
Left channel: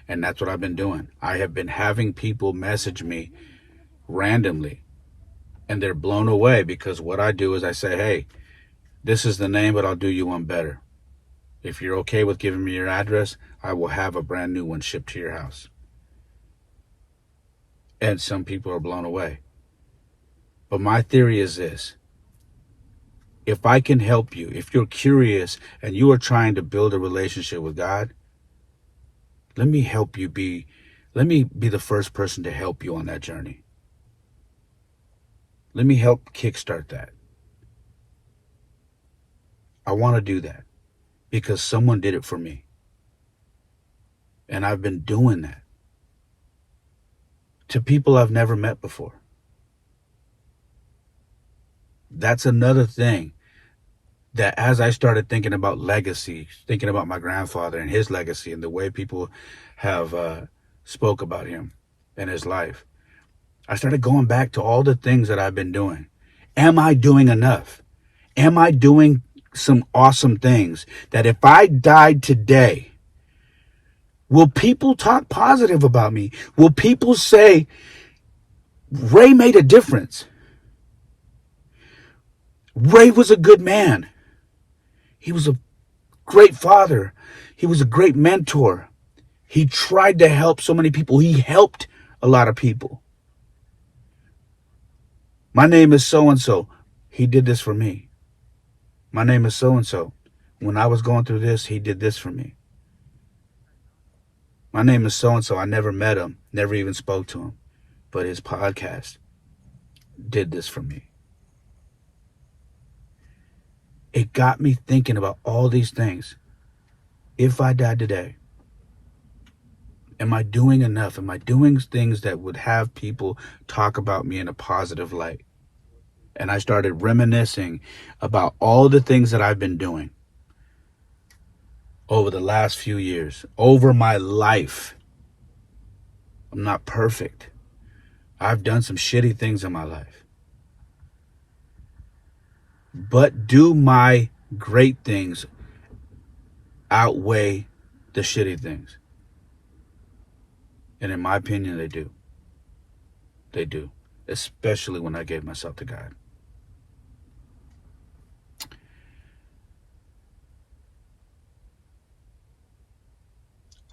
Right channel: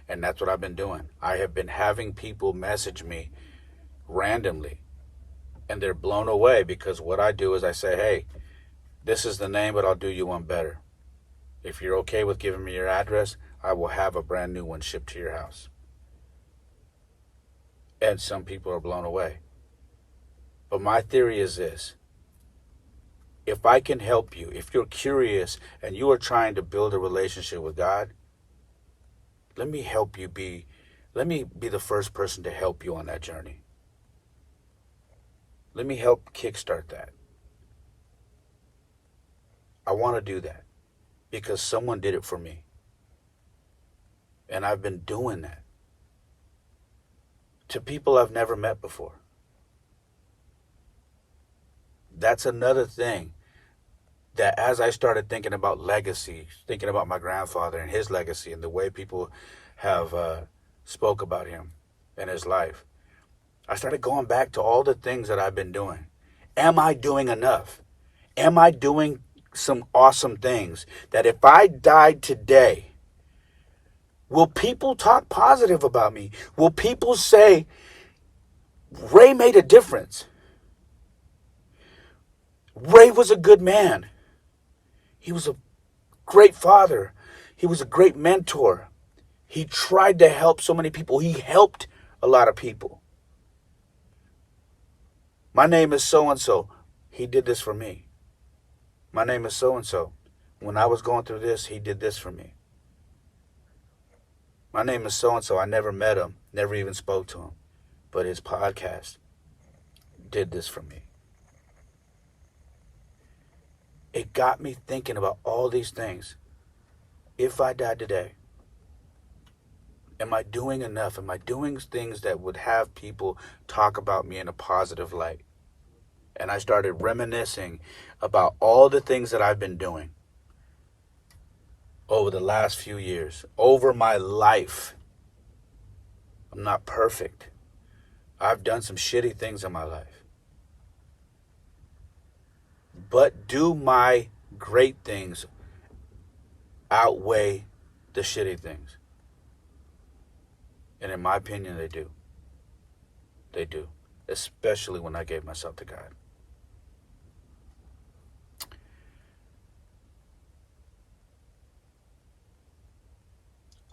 And that's what I've been doing. I have been having people message me randomly, and they're blown away because what I do is I say, hey, this is the name, but I'll do you one better. If you're okay with giving me your address, I will have a brand new one shipped to your house. And some people are blown away. But my theory is this. If I can help you, if you're curious and you are trying to build a relationship with God, let me be the first person to help you on that journey. Let me help kickstart that. I want to do that because someone did it for me. And I've been doing that to people I've never met before. That's another thing that as I started thinking about legacy, thinking about my grandfather and his legacy and the way people have spoke about him and his life, I started going back to all the things that I've been doing. Am I doing enough? Am I doing some awesome things that if I died today, will people talk positive about me? Will people say, Ray made a difference? Ray was a good man. He was a great father. He was a great mentor. He tried to help so many people. He helped a lot of people. My name is so-and-so. He did this for me. My name is so-and-so. When I was going through this, he did this for me. My name is so-and-so. I never met him, never even spoke to him. But his podcast did this for me. It got me thinking about all these things. If I died today, am I doing enough? Am I doing things that would have people talk about me in a positive light? And I started reminiscing about all the things that I've been doing over the last few years, over my life. I'm not perfect. I've done some shitty things in my life. But do my great things outweigh the shitty things? And in my opinion, they do. They do. Especially when I gave myself to God.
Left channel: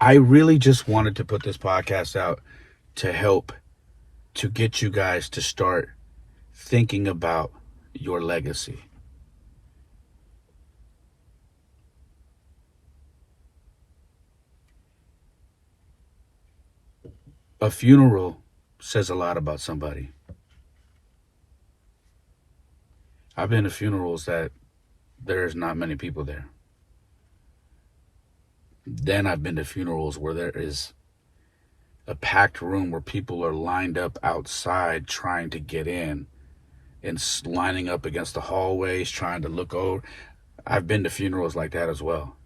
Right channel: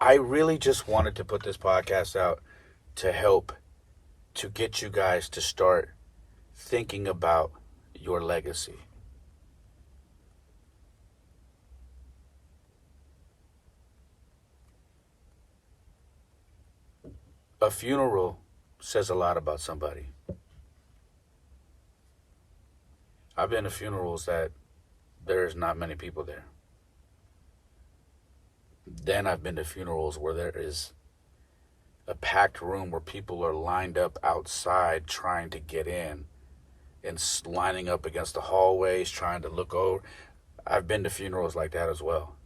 I really just wanted to put this podcast out to help to get you guys to start thinking about your legacy. A funeral says a lot about somebody. I've been to funerals that there's not many people there. Then I've been to funerals where there is a packed room where people are lined up outside trying to get in and lining up against the hallways trying to look over. I've been to funerals like that as well.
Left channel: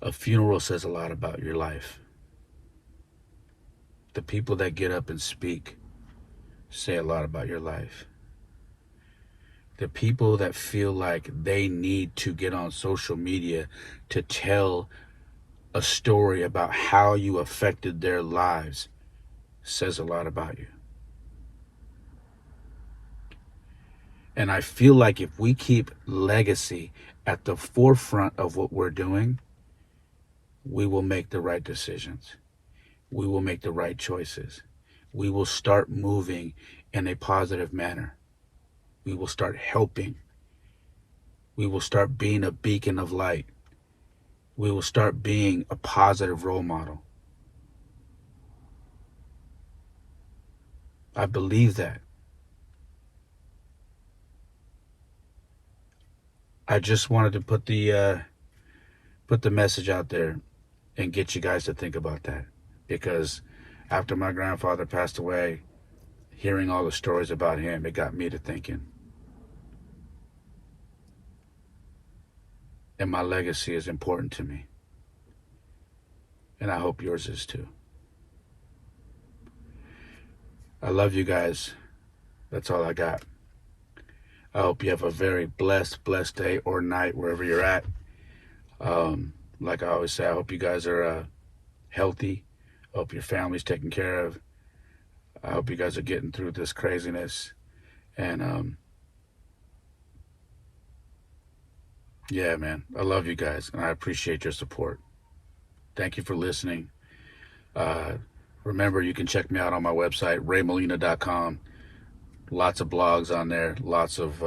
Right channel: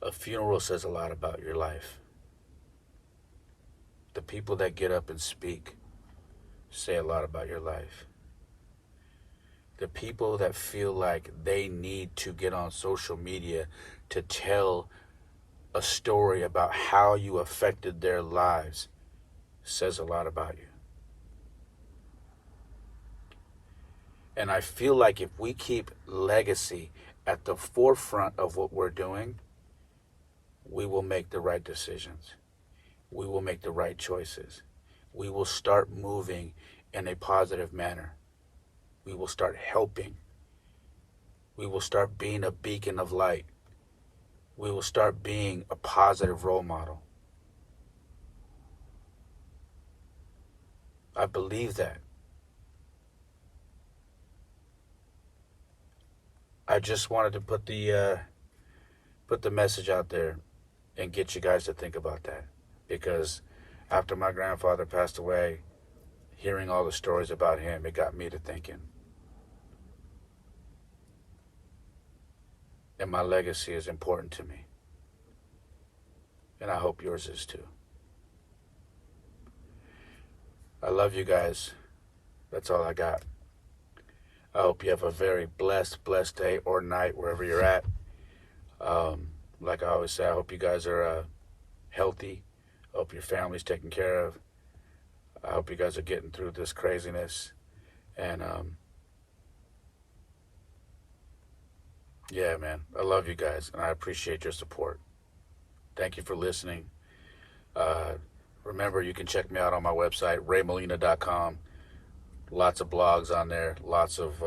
A funeral says a lot about your life. The people that get up and speak say a lot about your life. The people that feel like they need to get on social media to tell a story about how you affected their lives says a lot about you. And I feel like if we keep legacy at the forefront of what we're doing, we will make the right decisions. We will make the right choices. We will start moving in a positive manner. We will start helping. We will start being a beacon of light. We will start being a positive role model. I believe that. I just wanted to put the message out there and get you guys to think about that, because after my grandfather passed away, hearing all the stories about him, it got me to thinking. And my legacy is important to me. And I hope yours is too. I love you guys. That's all I got. I hope you have a very blessed day or night wherever you're at. Like I always say, I hope you guys are healthy. I hope your family's taken care of. I hope you guys are getting through this craziness. And yeah, man, I love you guys, and I appreciate your support. Thank you for listening. Remember, you can check me out on my website, raymolina.com. Lots of blogs on there, lots of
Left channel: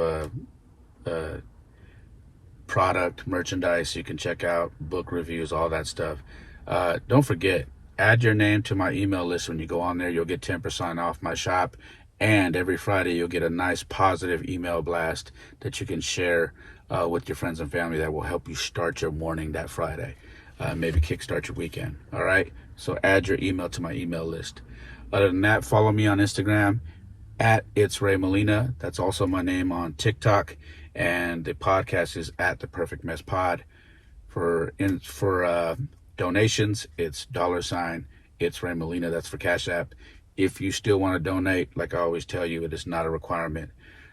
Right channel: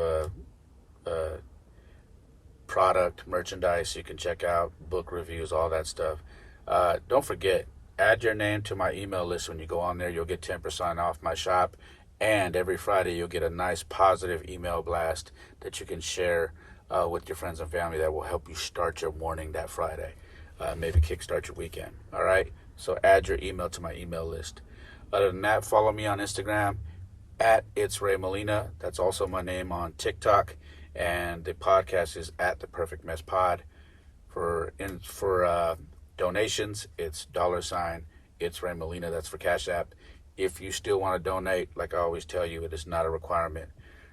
product, merchandise you can check out, book reviews, all that stuff. Don't forget, add your name to my email list. When you go on there, you'll get 10% off my shop. And every Friday, you'll get a nice positive email blast that you can share with your friends and family that will help you start your morning that Friday. Maybe kickstart your weekend. All right? So add your email to my email list. Other than that, follow me on Instagram at It's Ray Molina. That's also my name on TikTok. And the podcast is at The Perfect Mess Pod. For donations, it's $ It's Ray Molina. That's for Cash App. If you still want to donate, like I always tell you, it is not a requirement.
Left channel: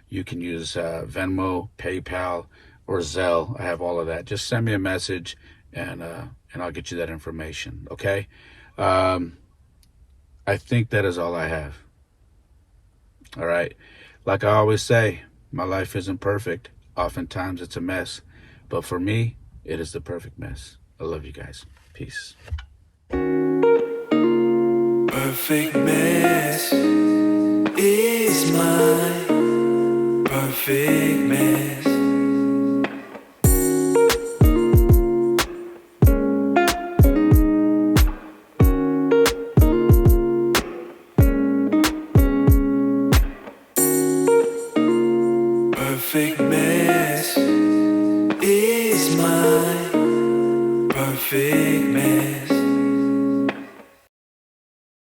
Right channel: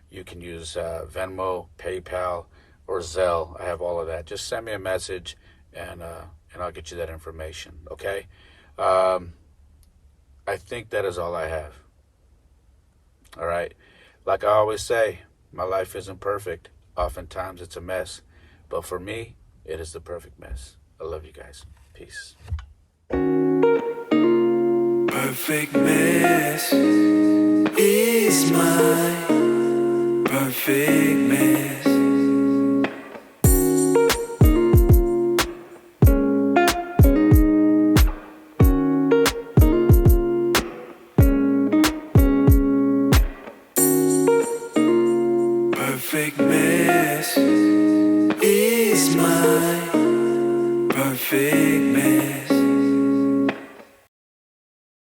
You can use Venmo, PayPal, or Zelle. I have all of that. Just send me a message, and I'll get you that information. Okay? I think that is all I have. All right? Like I always say, my life isn't perfect. Oftentimes it's a mess. But for me, it is the perfect mess. I love you guys. Peace. Perfect mess is my perfect mess. Perfect